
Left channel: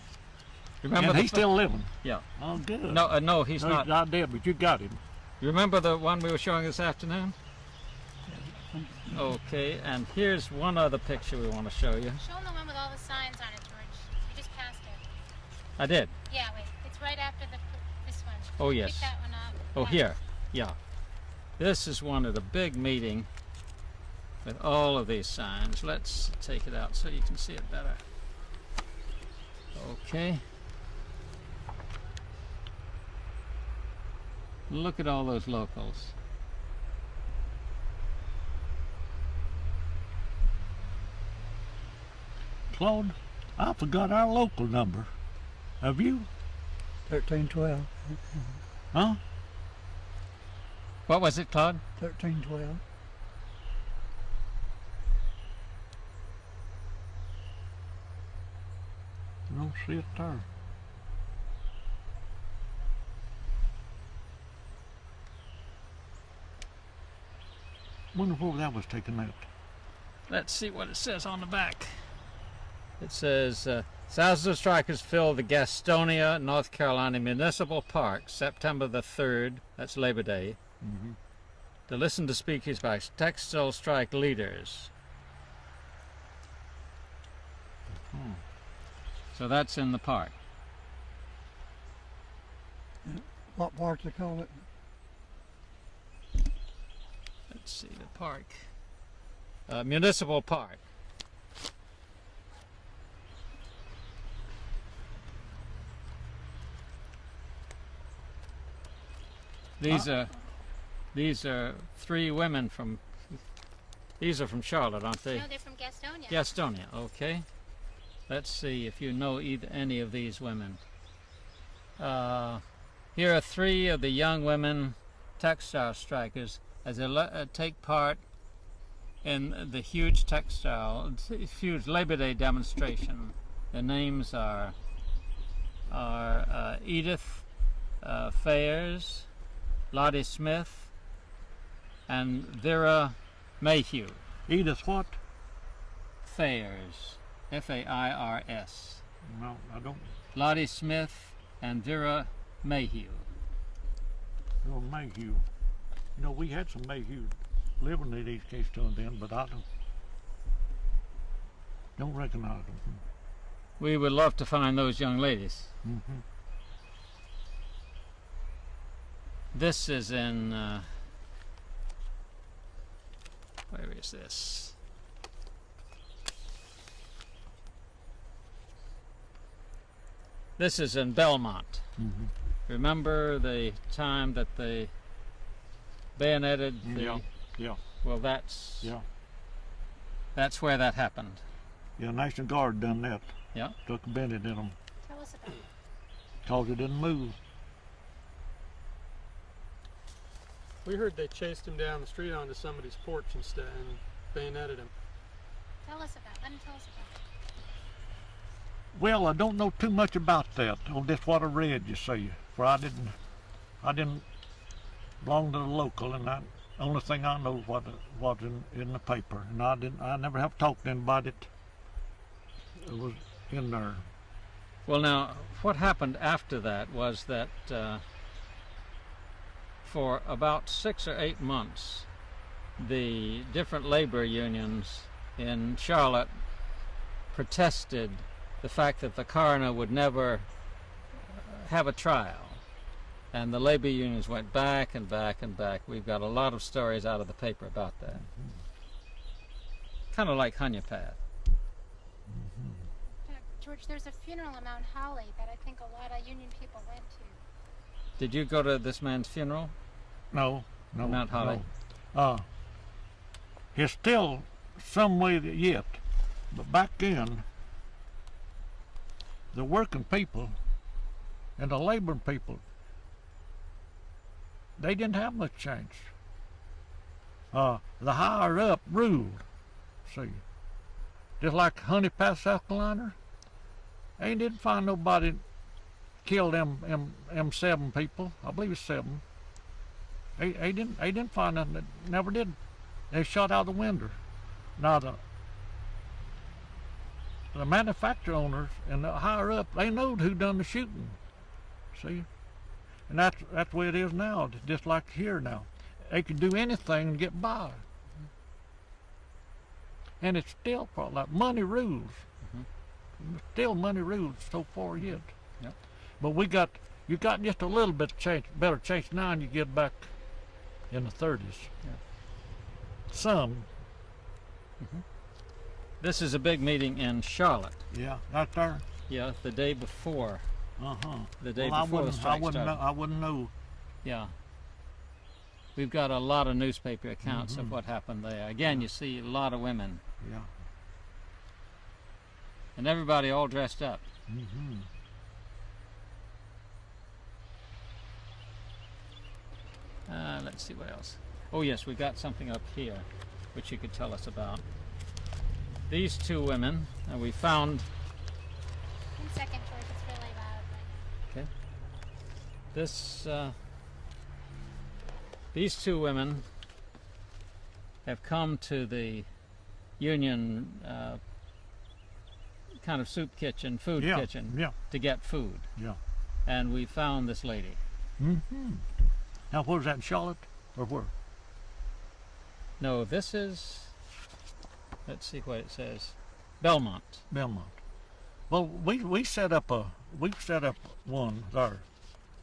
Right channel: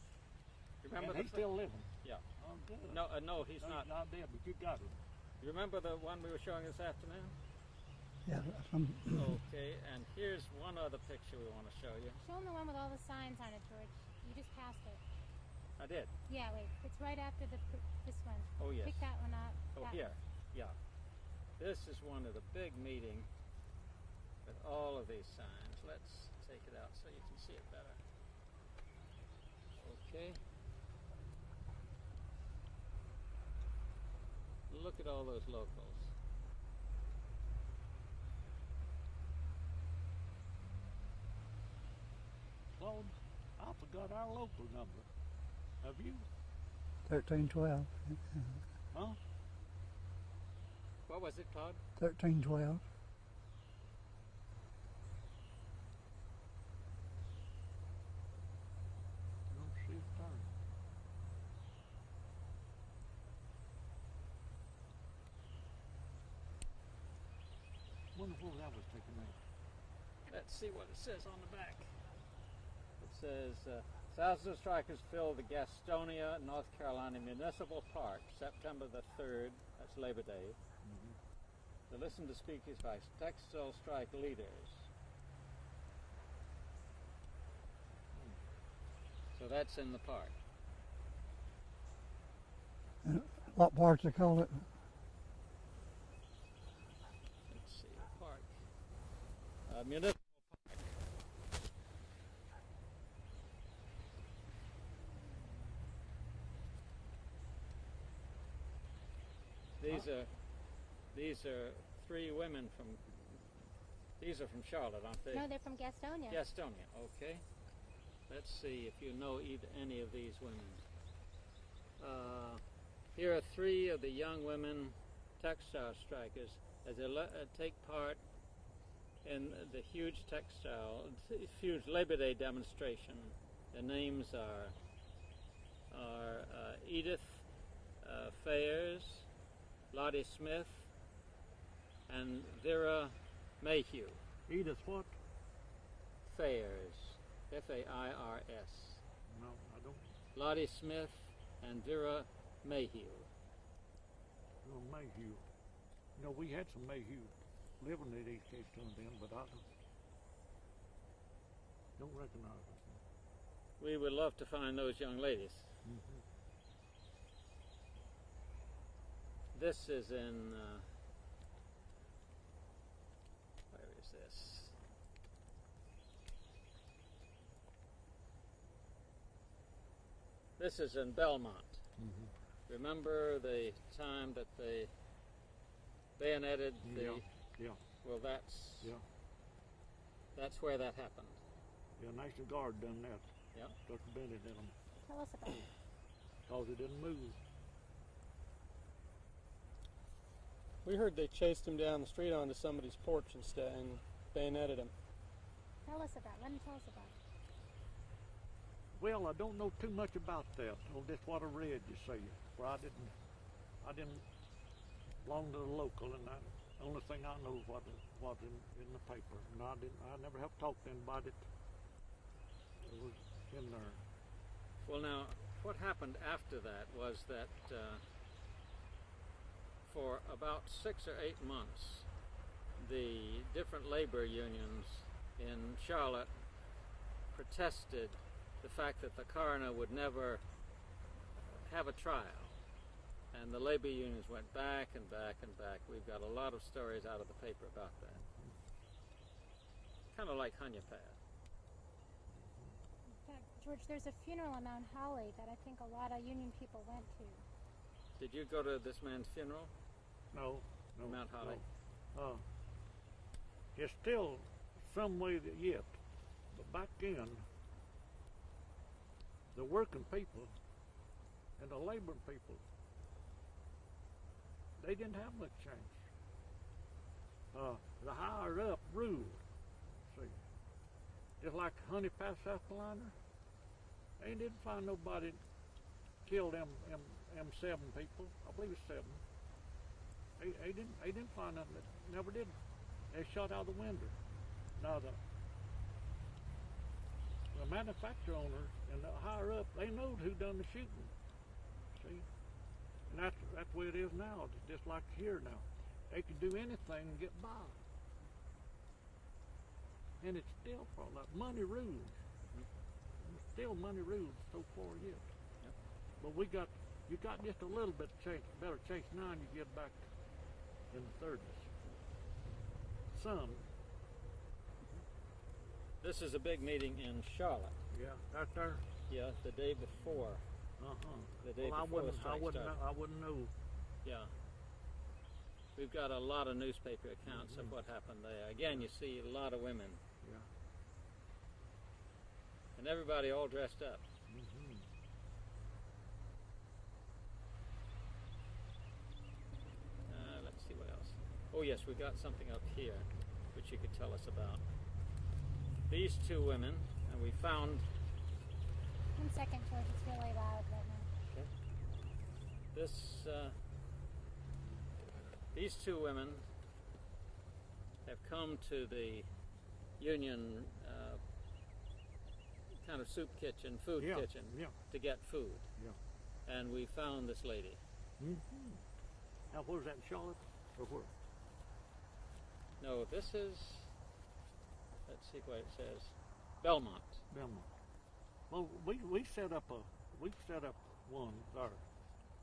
Remember And the he's still living. Yeah. Oh, good. No, no, he's No, not. He's not dead, but you got him. You remember the one we were showing this afternoon? Okay, and here's one other picture we want to show you. Show him the one with all the signs on it, George. You just passed it. I did. Yeah, wait. It's right after this one. Oh, yes. Pick that one up. Oh, Yeah. here. Yeah. This is one at a big meeting with all of these signs. Let's take it out so you can see it better. Okay. Look at all those locals. Claude, I forgot our local number. Have you? 1312. Huh? What was it, Claude? 1312. I don't see it there. Wonder where that was taken out. Let's see what it says on the back. It says, thousands of strikers filled the Gastonia, North Carolina Municipal Park, September the 3rd, that's Labor Day, to listen to speeches by textile strike leaders. So that's in the park. What parts they call it? Let's see, the park. Municipal Park. These are three women from. These are from Charlotte, aren't they? No, they're from Gastonia. Gastonia. Okay. Let's see if you know any of these women. Here are three of the young women textile strikers as they take part in the huge Labor Day demonstration. Their names are Edith Fayers, Lottie Smith, and Vera Mayhew. Edith what? Fayers, F-A-I-R-S. No, I don't. Lottie Smith and Vera Mayhew. No, Mayhew. You know, we had some Mayhew living in East Keystone then, but I don't recognize them. We would love to find those young ladies. This is in, where is this? This is in Belmont. Remember the time that they bayoneted the... Yeah. Well, that's where that happened. Yeah, National Guard done that. Yeah. Took a bended in them. Tell us about it. Cause it didn't move. We heard they chased him down the street onto somebody's porch and bayoneted him. Tell us about it. Let him tell us about it. Well, I don't know too much about that. On just what I read, you see. For I didn't belong to the local, and the only thing I know was what in the paper, and I never have talked to anybody that was in there. Well, now, what happened after that was that for about 6 or 8 months, the different labor unions in Charlotte protested the fact that the coroner would never have a trial. And the labor unions went back and back and back. We've got a lot of stories out of the paper about that. Kind of like Honeypath. George, there's a funeral in Mount Holly that I think a lot of union people went to. Did you go to this man's funeral? No. Mount Holly? No. It's still some way yet, but back then, the working people and the laboring people, they didn't have much change. The higher up ruled, see. Just like Honeypath, South Carolina, they didn't find nobody killed them 7 people. I believe it's 7. They didn't find nothing. They never did. They shot out the window. Now the manufacturer owners and the higher up, they know who done the shooting. See? And that's the way it is now, just like here now. They can do anything and get by. And it's still probably like money rules. Still money rules so far yet. Yep. But you got just a little bit of change, better change now than you get back in the 30s. Yep. Some. This is a big meeting in Charlotte. Yeah, right there. Yeah, the day before. The day Well, before the strike started. I wouldn't know. Yeah. We've got a lot of newspaper accounts of what happened there. Again, you see a lot of women. Yeah. And everybody all dressed up. let's see what else. Oh yes, we got something up here which you could tell us about. These two women, we found. 1 second, George, it's really loud right now. Okay. These two women have come to the Union kind of soup kitchen, food kitchen, to get food. Yeah. And we found this lady. Mm-hmm. Now, where's that, in Charlotte, or where? No, this is, let's see what it says, Belmont. Belmont. Well, we set up one there.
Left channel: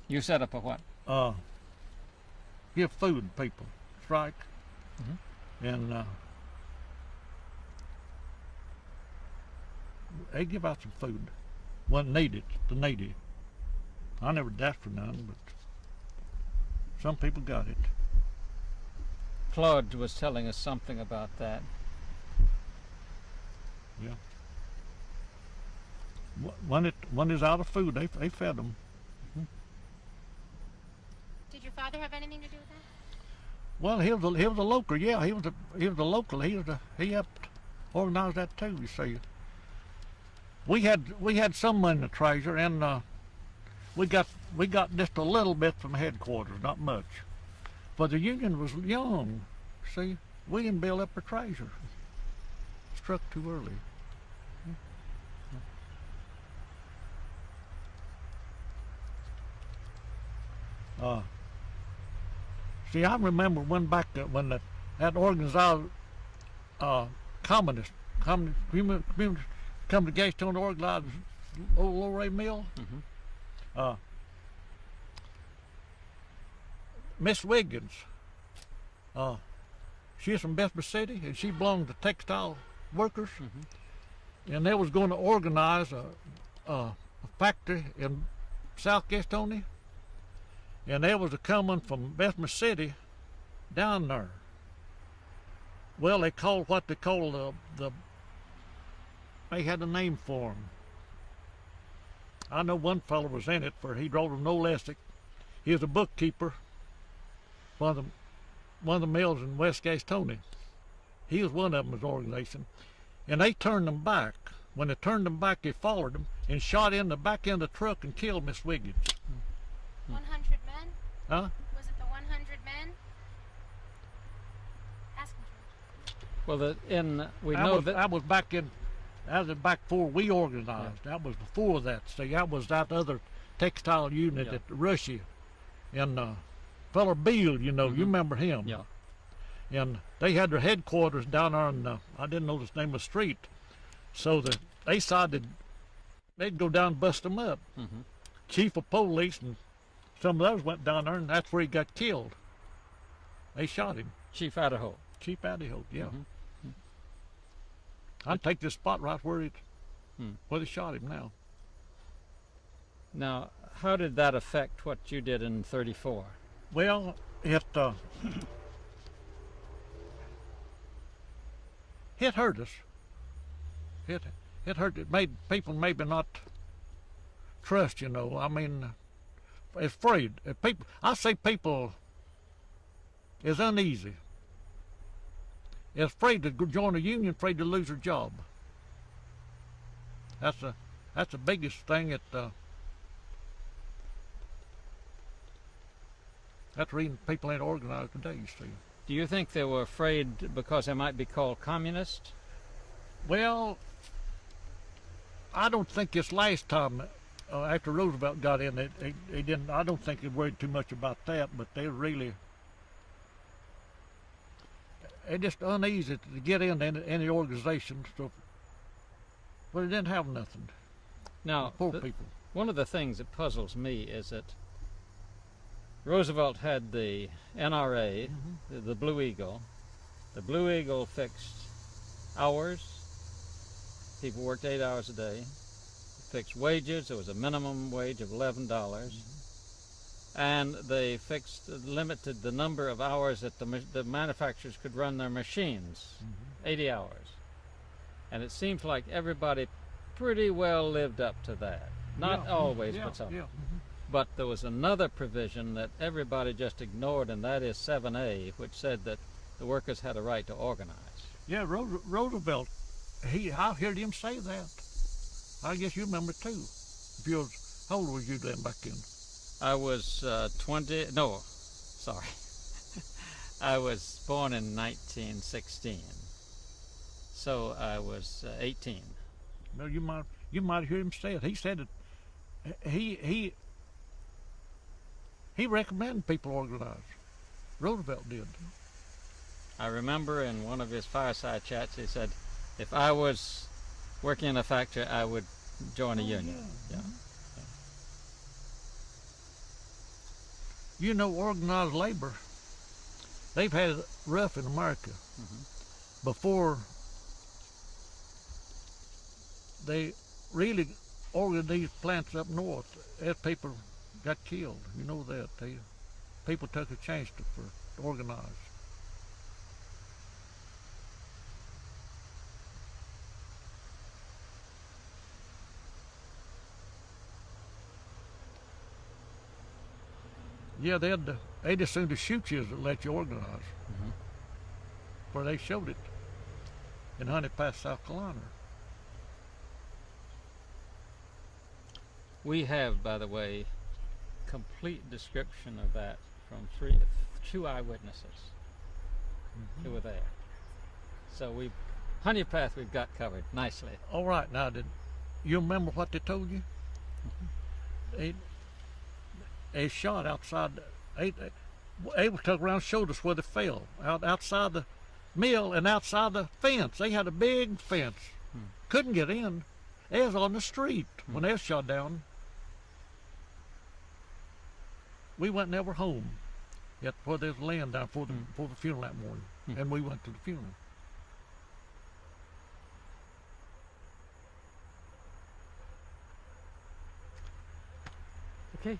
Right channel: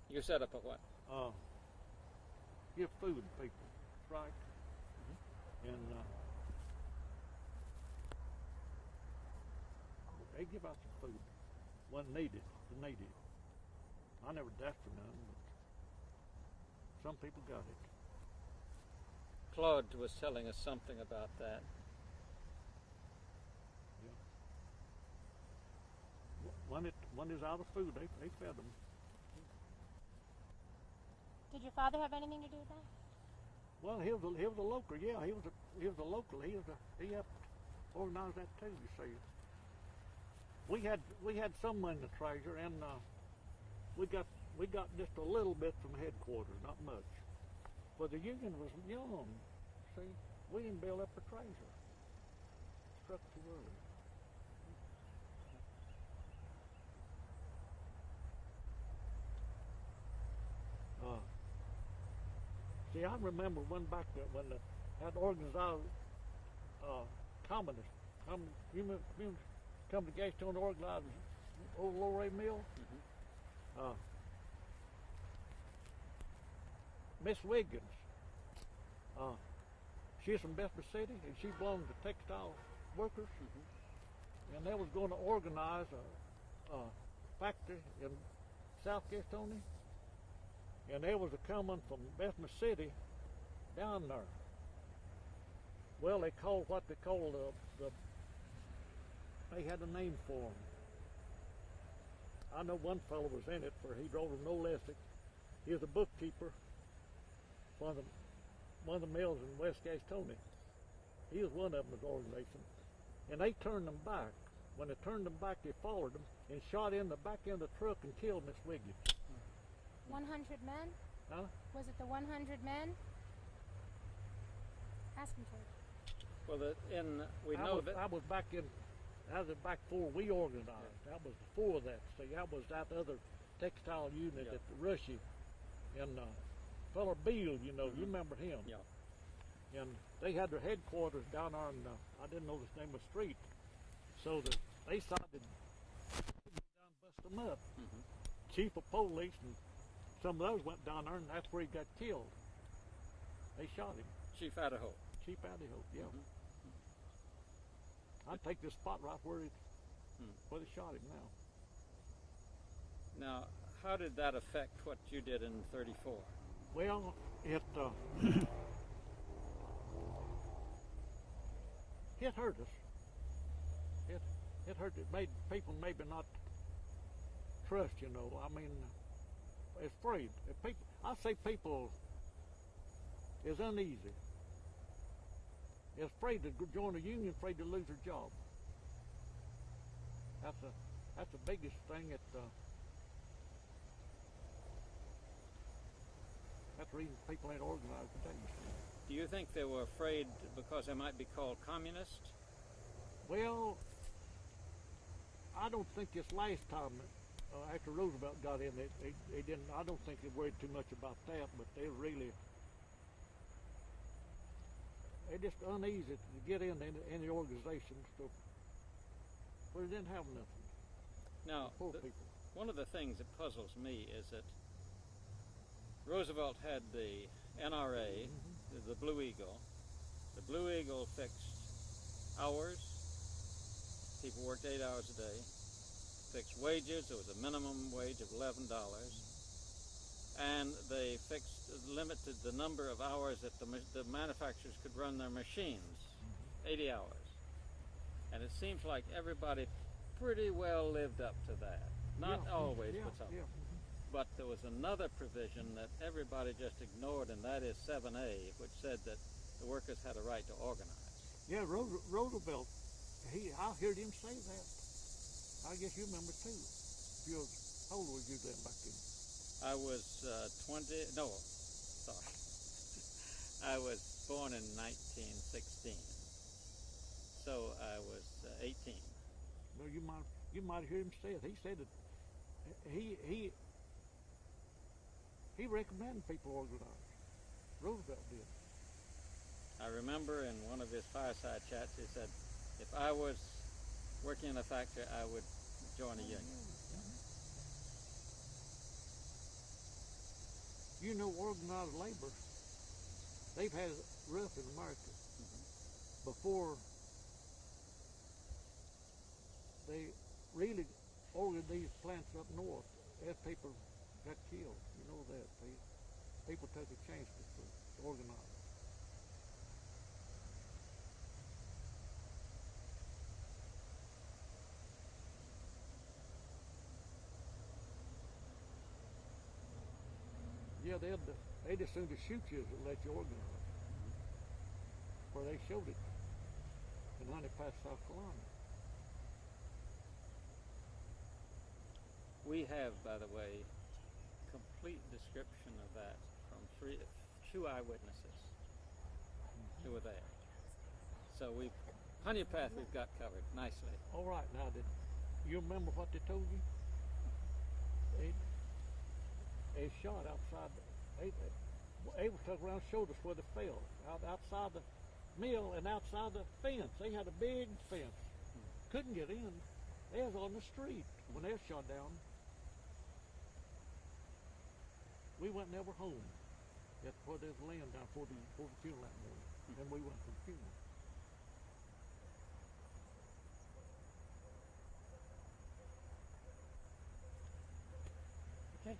You set up a what? Give food people, strike, and they give out some food when needed, the native. I never asked for none, but some people got it. Claude was telling us something about that. Yeah. When it's out of food, they fed them. Did your father have anything to do with that? Well, he was a local. Yeah, he was a local. He helped organize that too. You see, we had some money in the treasure, and we got just a little bit from headquarters, not much. But the Union was young. See, we didn't build up our treasure. Struck too early. See, I remember when that organized communist community come to Gastone to organize old Lorray Mill. Miss Wiggins, she's from Bessemer City, and she belonged to textile workers, and they was going to organize a factory in South Gastonia, and they was coming from Bessemer City down there. Well, they called what they called they had a name for them. I know one fellow was in it, for he drove a no elastic. He was a bookkeeper, one of the mills in West Gastonia. He was one of them, his organization. And they turned them back. When they turned them back, they followed them and shot in the back end of the truck and killed Miss Wiggins. 100 men? Huh? Was it the 100 men? Ask him, George. Well, we know that I was back before we organized. Yeah. That was before that. See, that was that other textile unit at Russia, and fella Beale, you know, you remember him. Yeah. And they had their headquarters down there in, I didn't know the name of the street, so that they decided they'd go down and bust them up. Chief of police and some of those went down there, and that's where he got killed. They shot him. Chief Idaho. Chief Idaho, yeah. I'd take this spot right where they shot him now. Now, how did that affect what you did in '34? Well, it hurt us. It hurt. It made people maybe not trust. You know, I mean, afraid. I say people is uneasy. Is afraid to join a union, afraid to lose their job. That's the biggest thing. That's the reason people ain't organized today, you see. Do you think they were afraid because they might be called communist? Well, I don't think this last time, after Roosevelt got in, they didn't. I don't think they worried too much about that, but they're just uneasy to get into any organization. So, but they didn't have nothing. Now, poor people. One of the things that puzzles me is that Roosevelt had the NRA, the Blue Eagle. The Blue Eagle fixed hours. People worked 8 hours a day. It fixed wages. There was a minimum wage of $11. And they limited the number of hours that the manufacturers could run their machines, 80 hours. And it seems like everybody pretty well lived up to that. Not always, but some. But there was another provision that everybody just ignored, and that is 7A, which said that the workers had a right to organize. Yeah, Roosevelt, I heard him say that. I guess you remember too. If you was, how old was you then back then? I was 20, no, sorry. I was born in 1916, so I was 18. No, you might hear him say it. He said it. He recommended people organize. Roosevelt did. I remember in one of his fireside chats, he said, if I was working in a factory, I would join a union. Yeah. You know, organized labor, they've had it rough in America. Before they really organized these plants up north, as people got killed. You know that. People took a chance to organize. Yeah, they'd as soon to shoot you as to let you organize. Where they showed it in Honey Pass, South Carolina. We have, by the way, complete description of that from two eyewitnesses who were there. So Honey Path we've got covered nicely. All right, now did you remember what they told you? They shot outside. They took around and showed us where they fell, outside the mill and outside the fence. They had a big fence. Couldn't get in. They was on the street when they was shot down. We went never home. Yet where they was laying down for the funeral that morning, and we went to the funeral. Okay.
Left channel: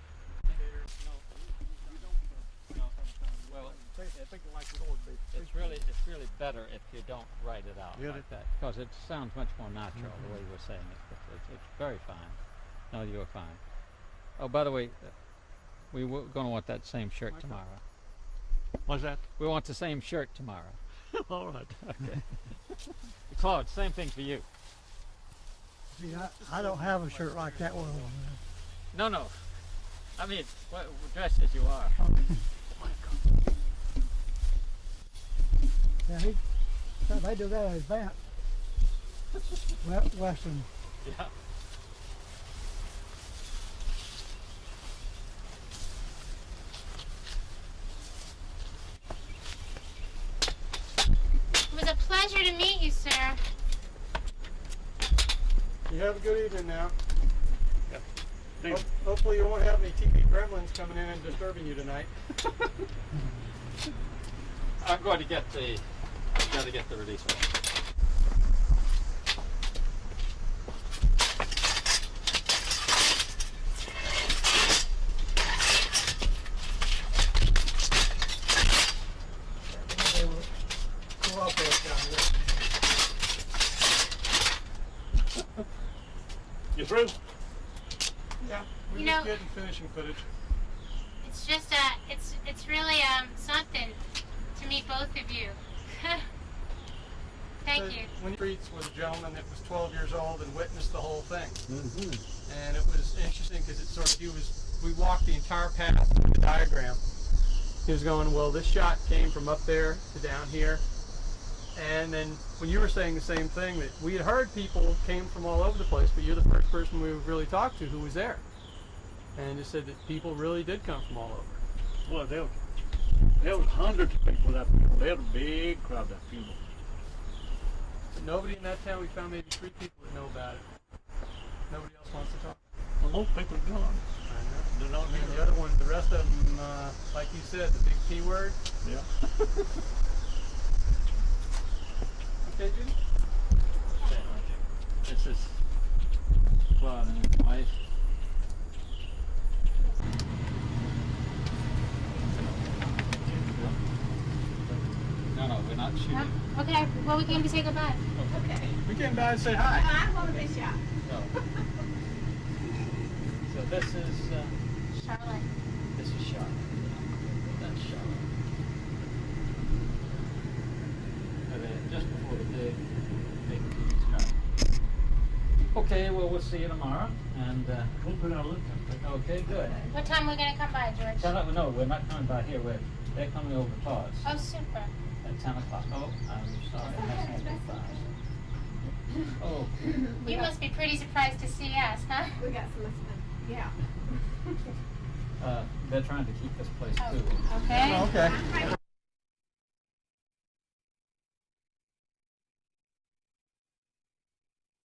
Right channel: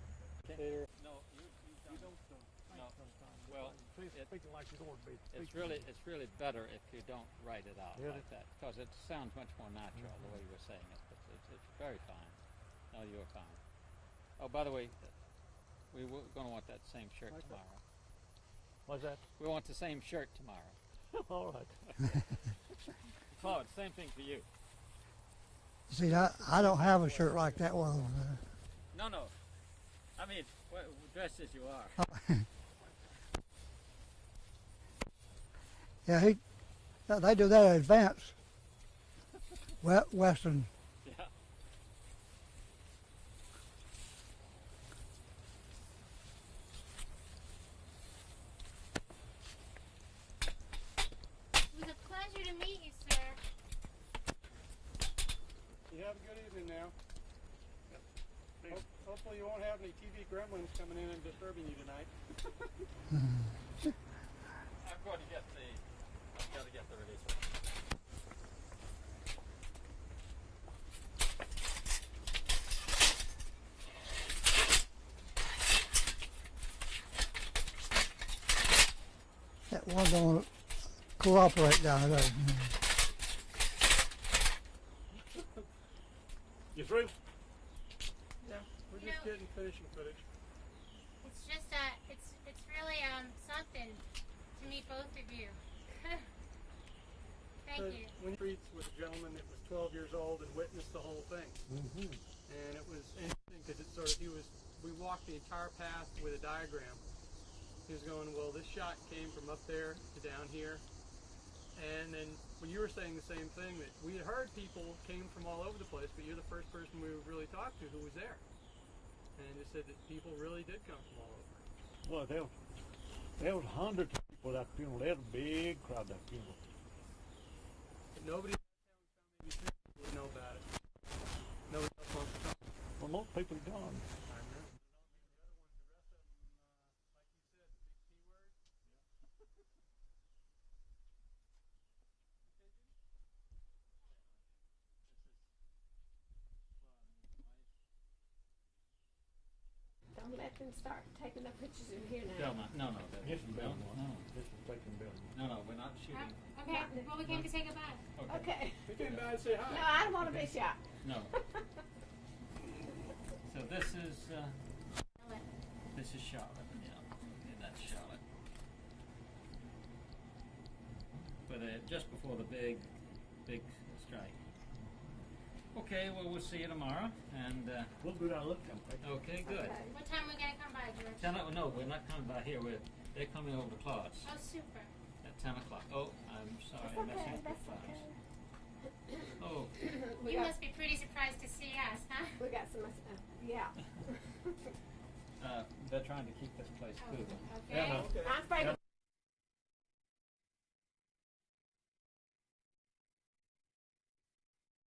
Well, it's really better if you don't write it out like that, because it sounds much more natural the way you were saying it. It's very fine. No, you were fine. Oh, by the way, we were going to want that same shirt tomorrow. what's that? We want the same shirt tomorrow. All right. Okay. Claude, same thing for you. See, I don't have a shirt like that one. No. I mean, dressed as you are. Yeah, they do that in advance. Western. Yeah. It was a pleasure to meet you, sir. You have a good evening now. Thank you. Hopefully you won't have any TV gremlins coming in and disturbing you tonight. I'm going to get the release form. That one day will cooperate down there. You through? Yeah, we're You just know- getting finishing footage. It's just it's really something to meet both of you. Thank you. When Treats was a gentleman that was 12 years old and witnessed the whole thing. And it was interesting because we walked the entire path through the diagram. He was going, well, this shot came from up there to down here. And then when you were saying the same thing, that we had heard people came from all over the place, but you're the first person we've really talked to who was there. And it said that people really did come from all over. Well, there was hundreds of people at that funeral. They had a big crowd at that funeral. But nobody in that town, we found maybe 3 people would know about it. Nobody else wants to talk. Well, most people are gone. I know. They're not And here. the other one, the rest of them, like you said, the big P word. Yeah. Okay, Judy? This is Claude and his wife. No, we're not shooting. Huh? Okay. Well, we came to say goodbye. Okay. We came by and say hi. I want to be shot. No. So this is Okay, well, we'll see you tomorrow. And We'll put our look at it. okay, good. What time are we gonna come by, George? No, we're not coming by here. They're coming over to Claude's Oh, super. at 10 o'clock. Oh, I'm sorry. I'm messing up the files. Oh, You must be pretty surprised to see us, huh? We got some, yeah. they're trying to keep this place Oh, cool. okay. Okay.